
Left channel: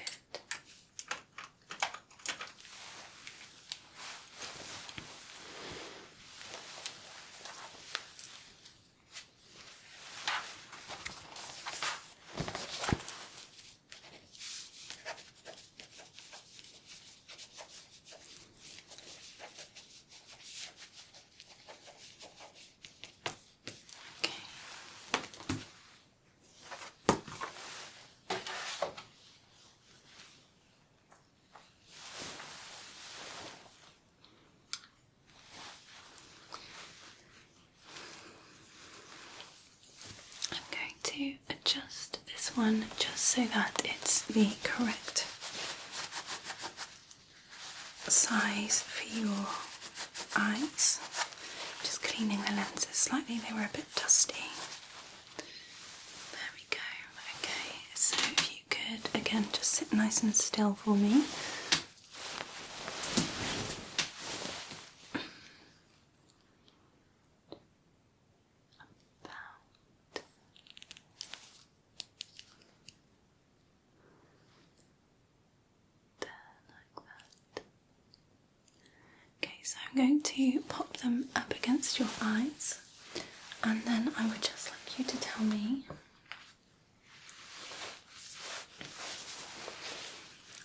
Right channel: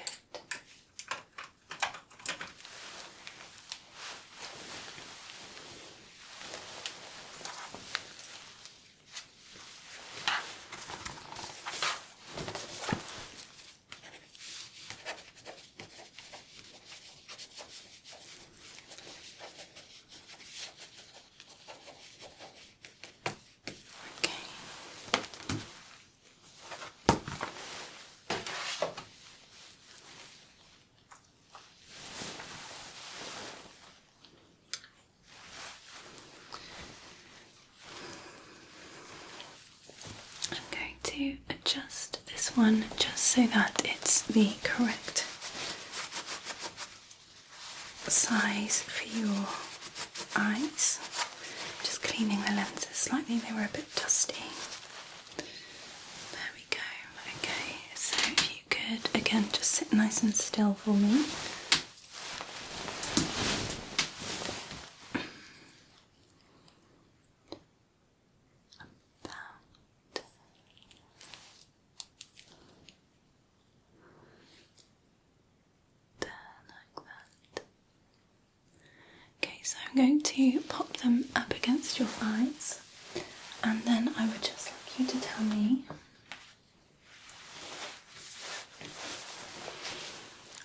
just this one, just so that it's the correct size for your eyes. Just cleaning the lenses slightly, they were a bit dusty. There we go. Okay, so if you could again just sit nice and still for me. So I'm going to pop them up against your eyes, and then I would just like you to tell me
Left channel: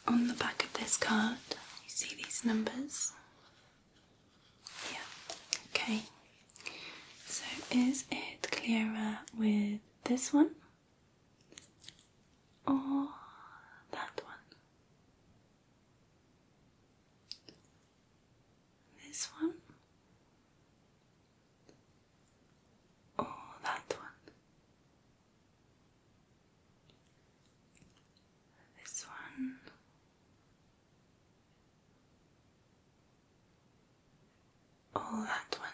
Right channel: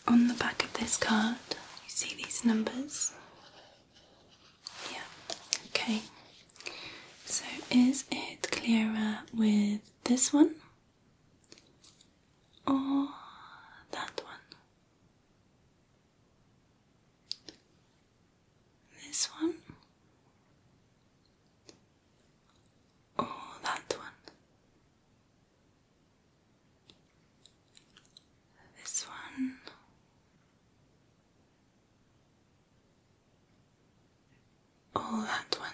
on the back of this card, you see these numbers? Yeah, okay. So is it clearer with this one or that one? This one or that one? This one or that one?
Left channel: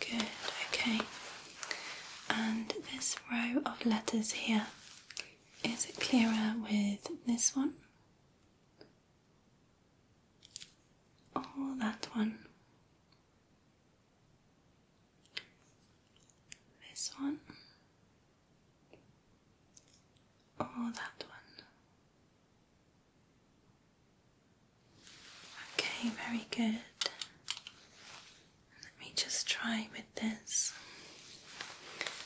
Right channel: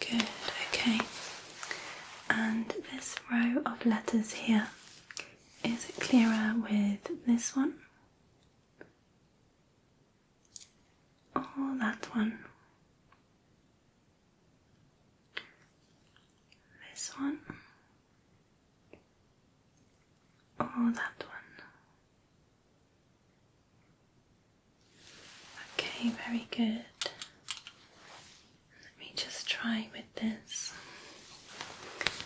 Good, okay. And this row of letters here, is it clearer with this one or that one? This one or that one? Okay, very good. Let me just try with this.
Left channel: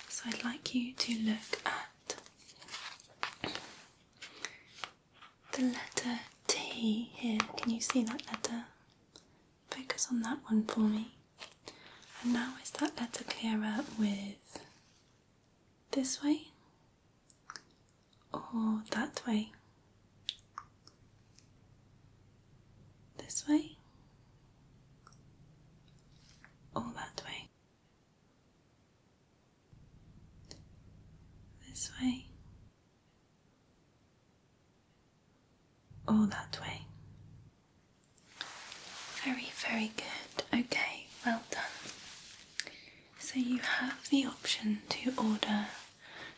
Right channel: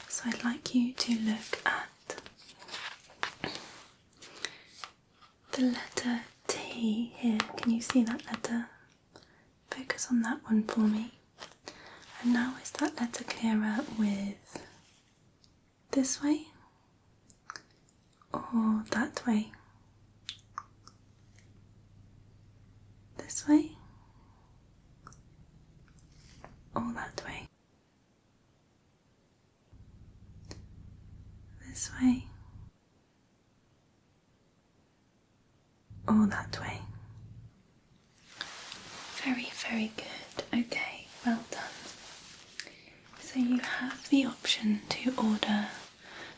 So I'd like you to look at the letter T here. Can you see that letter? Focus on that one for me. And now is that letter clearer with this way or that way? This way or that way? This way or that way? Very, very good. Okay, well done. So you have the option to order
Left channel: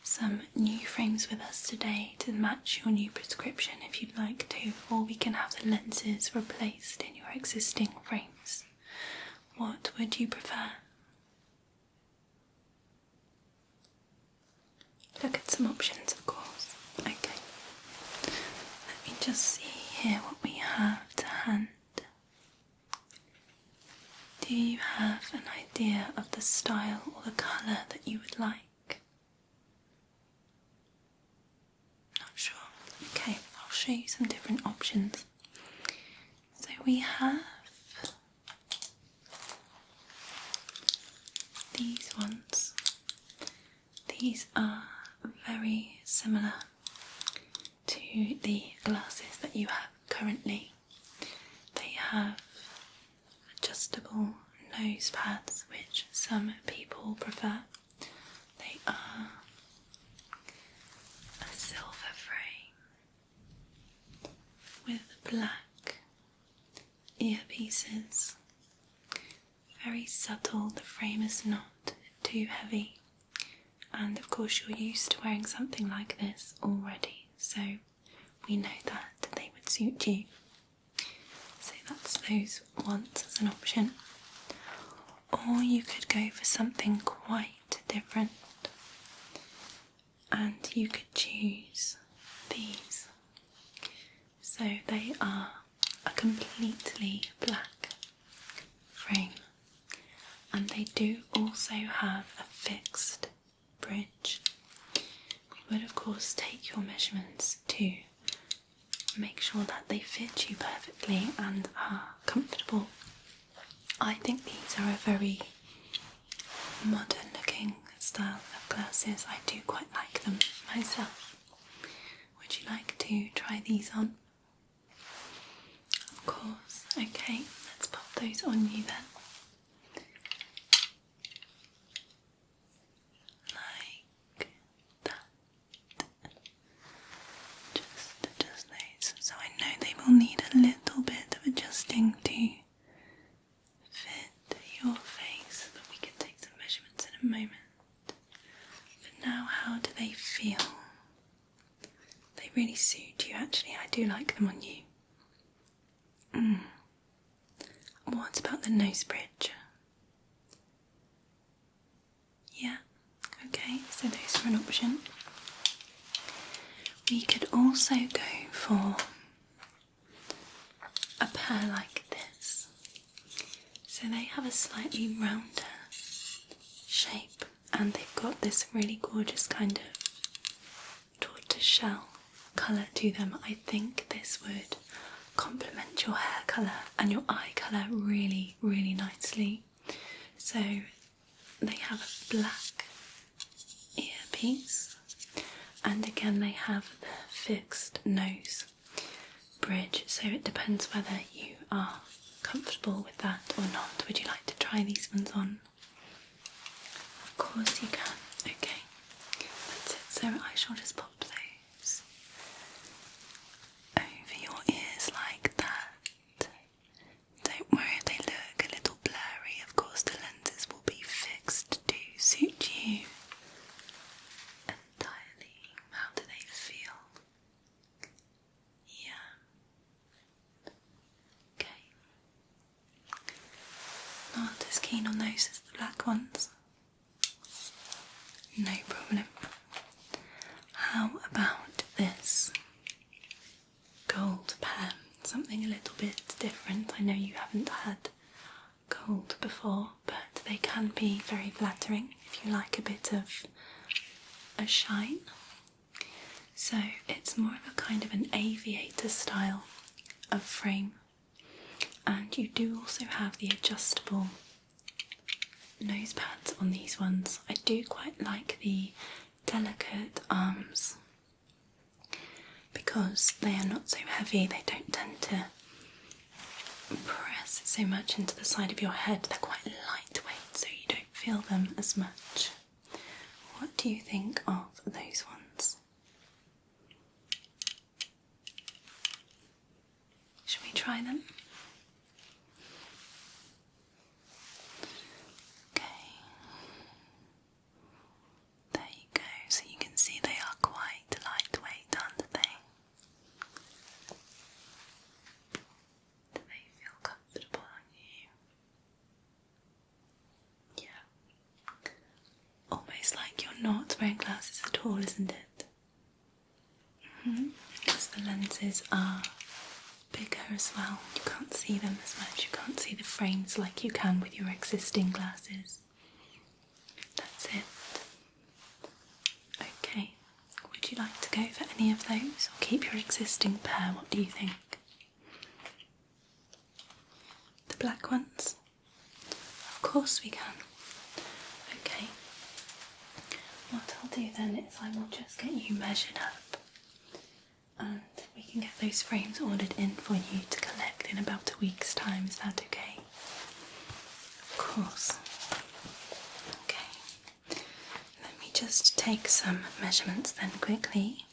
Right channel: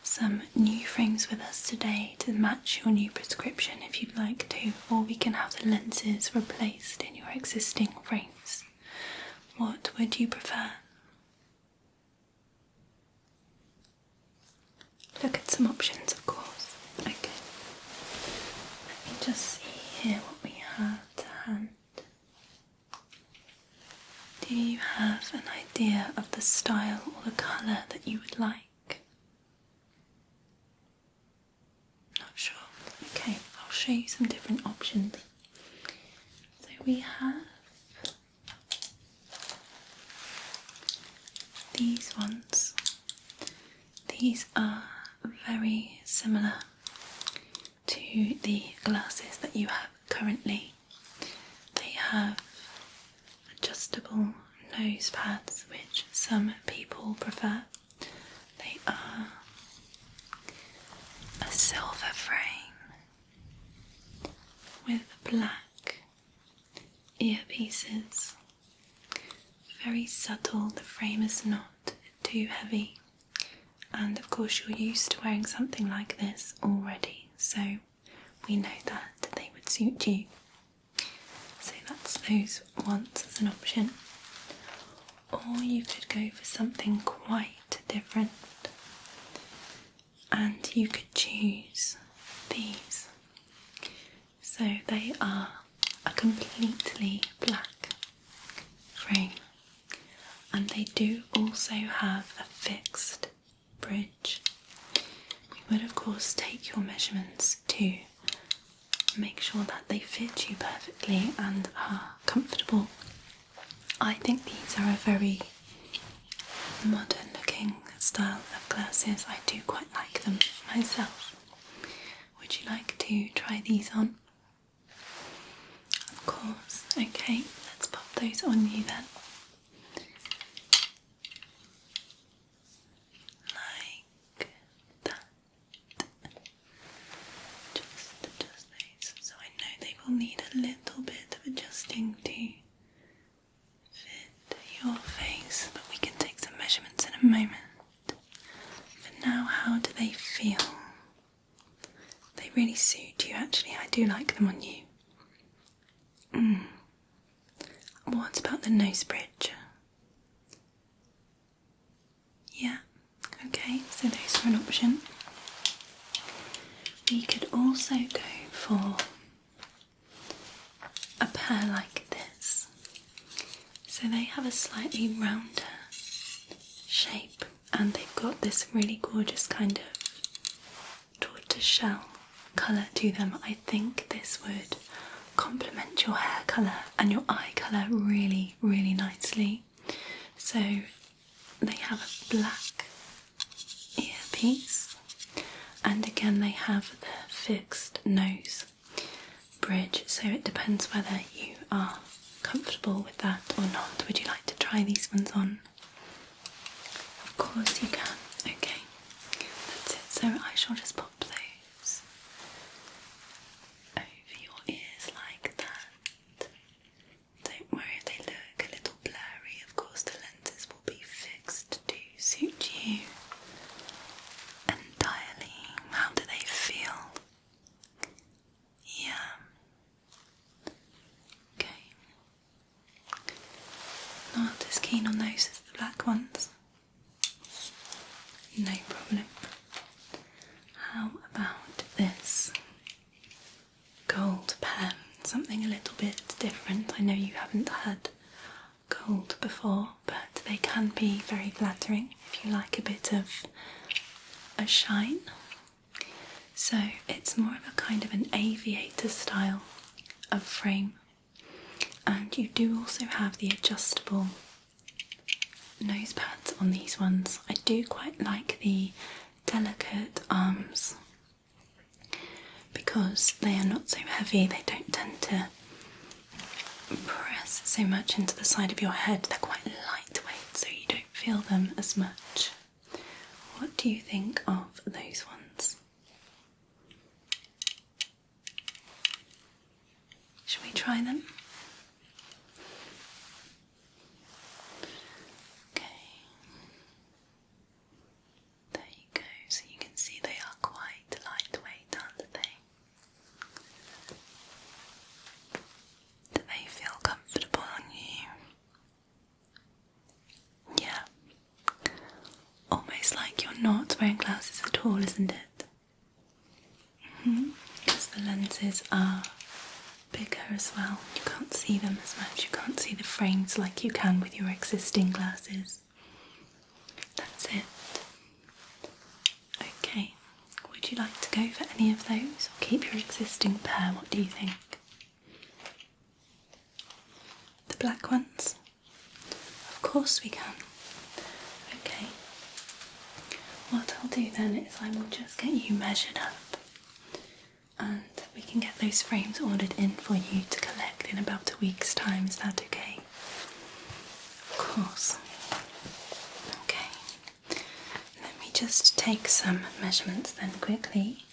some new frames with us today to match your new prescription if you'd like to, or we can have the lenses replaced in your existing frames. What would you prefer? Look at some options, of course. Okay. Let me just see here what we have to hand. Do you have an idea of the style or the colour that you would like? Not sure. Okay, I'll show you some different options. So we have these ones. These are very similar to the glasses that you have currently. They have adjustable nose pads, which some people prefer. They are a silver frame with black earpieces. Very subtle, the frame is not too heavy, and of course you're used to wearing something like this already, so we know that they would suit you. So that's those ones as an option. Or you could go for something quite different, and you could choose these. So they are a completely black frame, and they do also have a fixed bridge. We would of course take your measurements to make sure that they fit you perfectly and are comfortable. I think these are a very modern looking style of glasses. I do quite like them myself. Would you like to try these on? Of course. Okay, let's pop those on you then. a little bit of adjusting to fit your face, but we can take some measurements in a moment. But now, how do they feel? They really suit you, actually. I do like them on you. What about the nose bridge? Yeah, okay, so those are an option. We could also go for a pair like this. So they have a slightly rounder shape and they've got this really gorgeous kind of tortoiseshell colour to them. I think this would complement your hair colour and your eye colour really, really nicely. So they have a black earpiece, and again they have the fixed nose bridge, so it depends whether you are comfortable with that or not. Would you like to try these ones on? Of course you can. Okay, that's it. So I shall just pop those over your ears like that. Don't worry if they look a little blurry. Of course the lenses will be fixed to suit you entirely. How do they feel? Yeah. Okay. Not as keen on those as the black ones. No problem. How about this gold pair? Something a little bit different. I know you haven't had gold before, but they can be very flattering if you like a bit of a shine. So it's more of a kind of an aviator style of frame, and you do also have the adjustable nose pads on these ones. I do quite like the delicate arms because they are not so heavy. They don't tend to press so much into the side of your head. They're quite lightweight, so you don't feel them as much. What do you think of those ones? Shall we try them? Okay. There you go. So you can see they are quite lightweight, aren't they? Do they feel comfortable on you? Yeah. Almost like you're not wearing glasses at all, isn't it? Because the lenses are bigger as well. You can't see them as much. You can't see the frames like you can with your existing glasses. That's it. Okay. Would you like to go for any of those or keep your existing pair? What do you think? The black ones? Of course we can. Okay. What I'll do then is I will just get you measured up and we can get those frames ordered in for you to collect in about a week's time. Is that okay? Of course. Okay. Let me just take some measurements then quickly.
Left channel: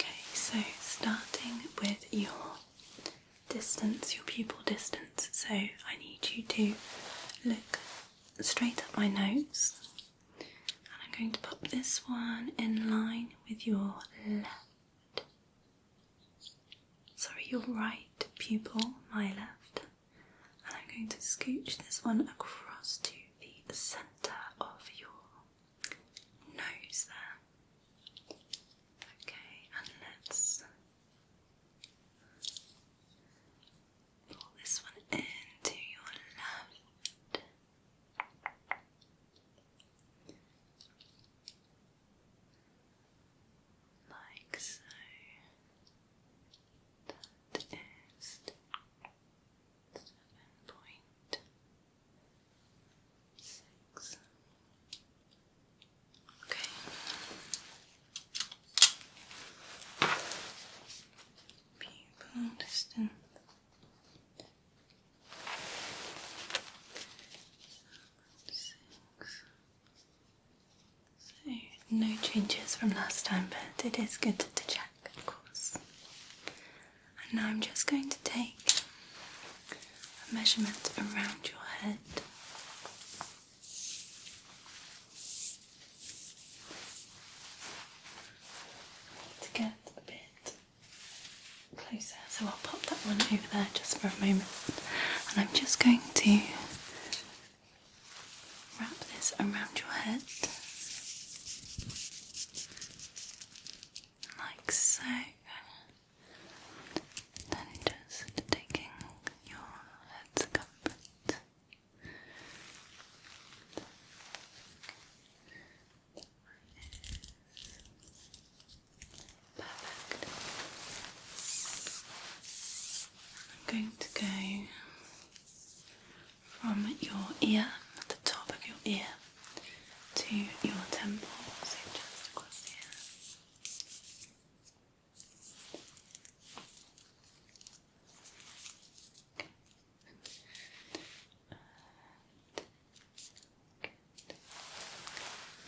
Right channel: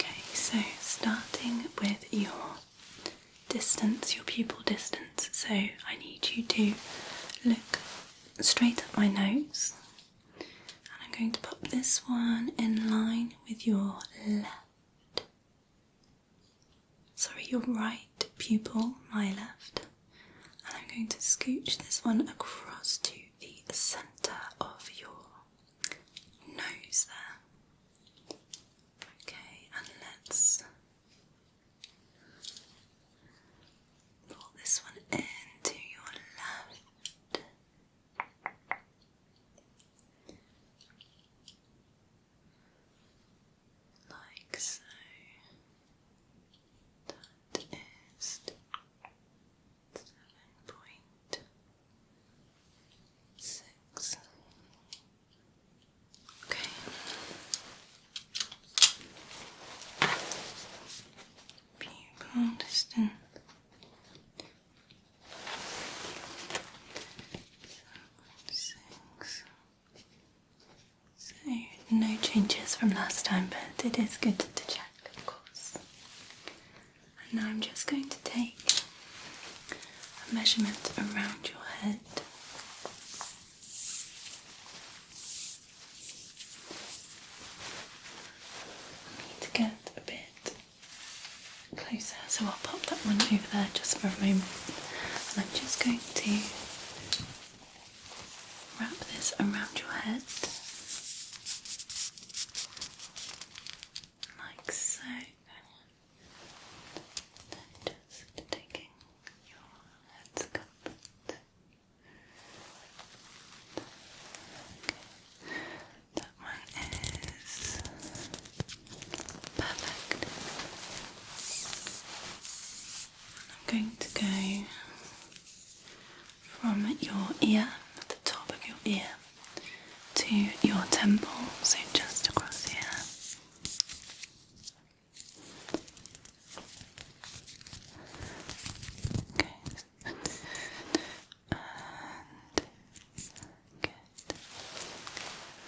Okay, so starting with your distance, your pupil distance. So I need you to look straight at my nose, and I'm going to pop this one in line with your your right pupil, my left, and I'm going to scooch this one across to the centre of your nose there. Okay, and let's pull this one into your left. Like so. That is 7.6. Okay. changes from last time, but it is good to check, of course. And now I'm just going to take a measurement around your head. Need to get a bit closer, so I'll pop that one over there just for a moment. And I'm just going to wrap this around your head, like so. Then just taking your head circumference. That one is perfect. I'm going to go from your ear, the top of your ear, to your temple, so just across here. Okay. And good.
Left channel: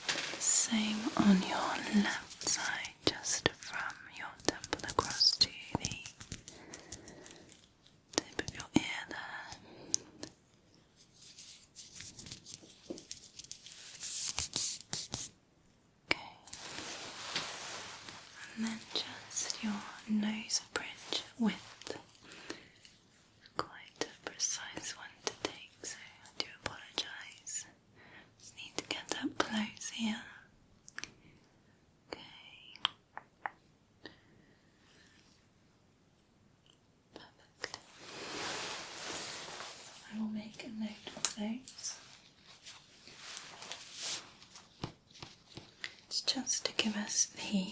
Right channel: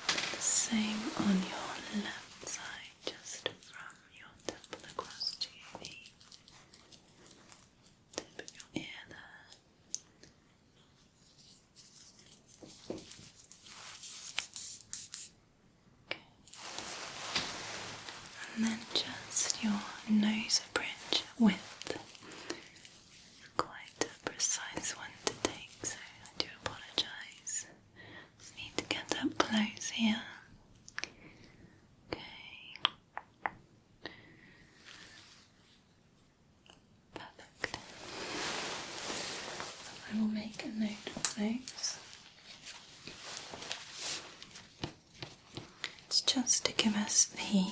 The same on your left side, just from your temple across to the tip of your ear there. Okay. And then just your nose bridge width. Quite a precise one to take, so I do apologise. Just need to get up close here. Okay. Perfect. I will make a note of those. It's just to give us the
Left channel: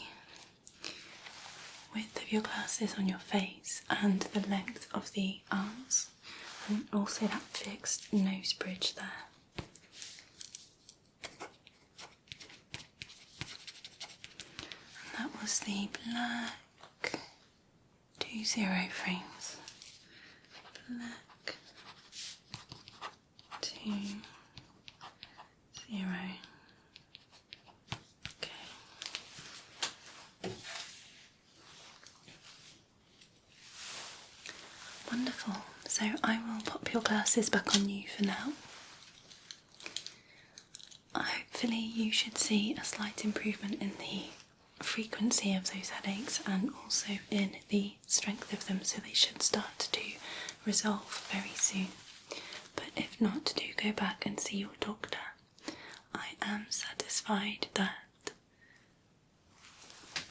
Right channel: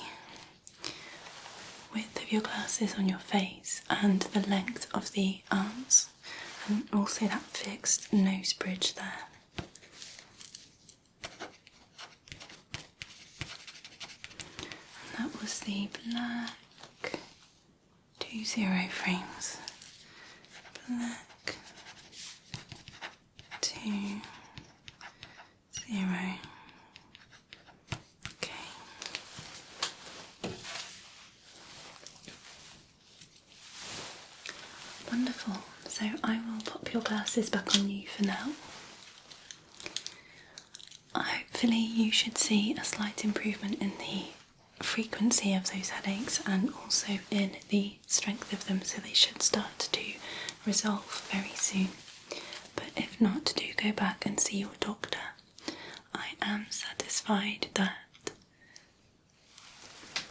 width of your glasses on your face and the length of the arms, and also that fixed nose bridge there. And that was the black 20 frames. Black 20. Okay. Wonderful. So I will pop your glasses back on you for now. Hopefully you should see a slight improvement in the frequency of those headaches and also in the strength of them, so they should start to resolve very soon. But if not, do go back and see your doctor. I am satisfied that...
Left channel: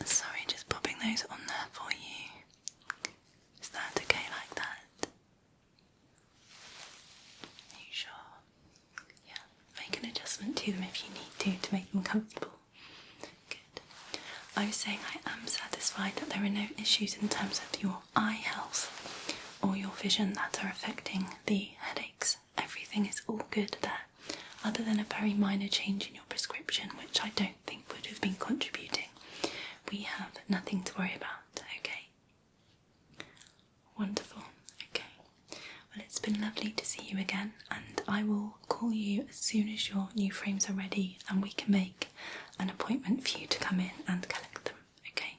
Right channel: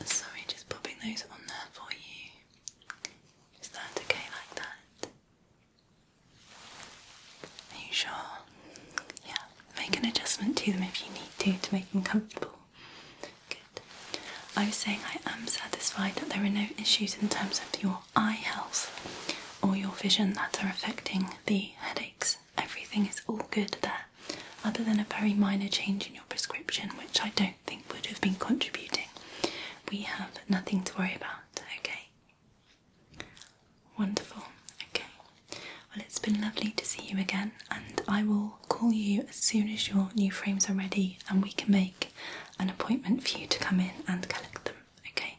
Sorry, just popping those on there for you. Is that okay like that? Are you sure? Yeah, make an adjustment to them if you need to make them comfortable. Good. I was saying I am satisfied that there are no issues in terms of your eye health or your vision that are affecting the headaches. Everything is all good there, other than a very minor change in your prescription, which I don't think would have been contributing. We have nothing to worry about, okay? Wonderful, okay. Well, it's been lovely to see you again, and I will call you as soon as your new frames are ready and we can make an appointment for you to come in and collect them, okay?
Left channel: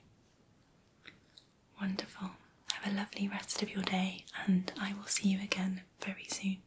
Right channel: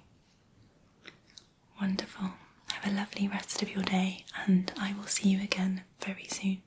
Wonderful. Have a lovely rest of your day, and I will see you again very soon.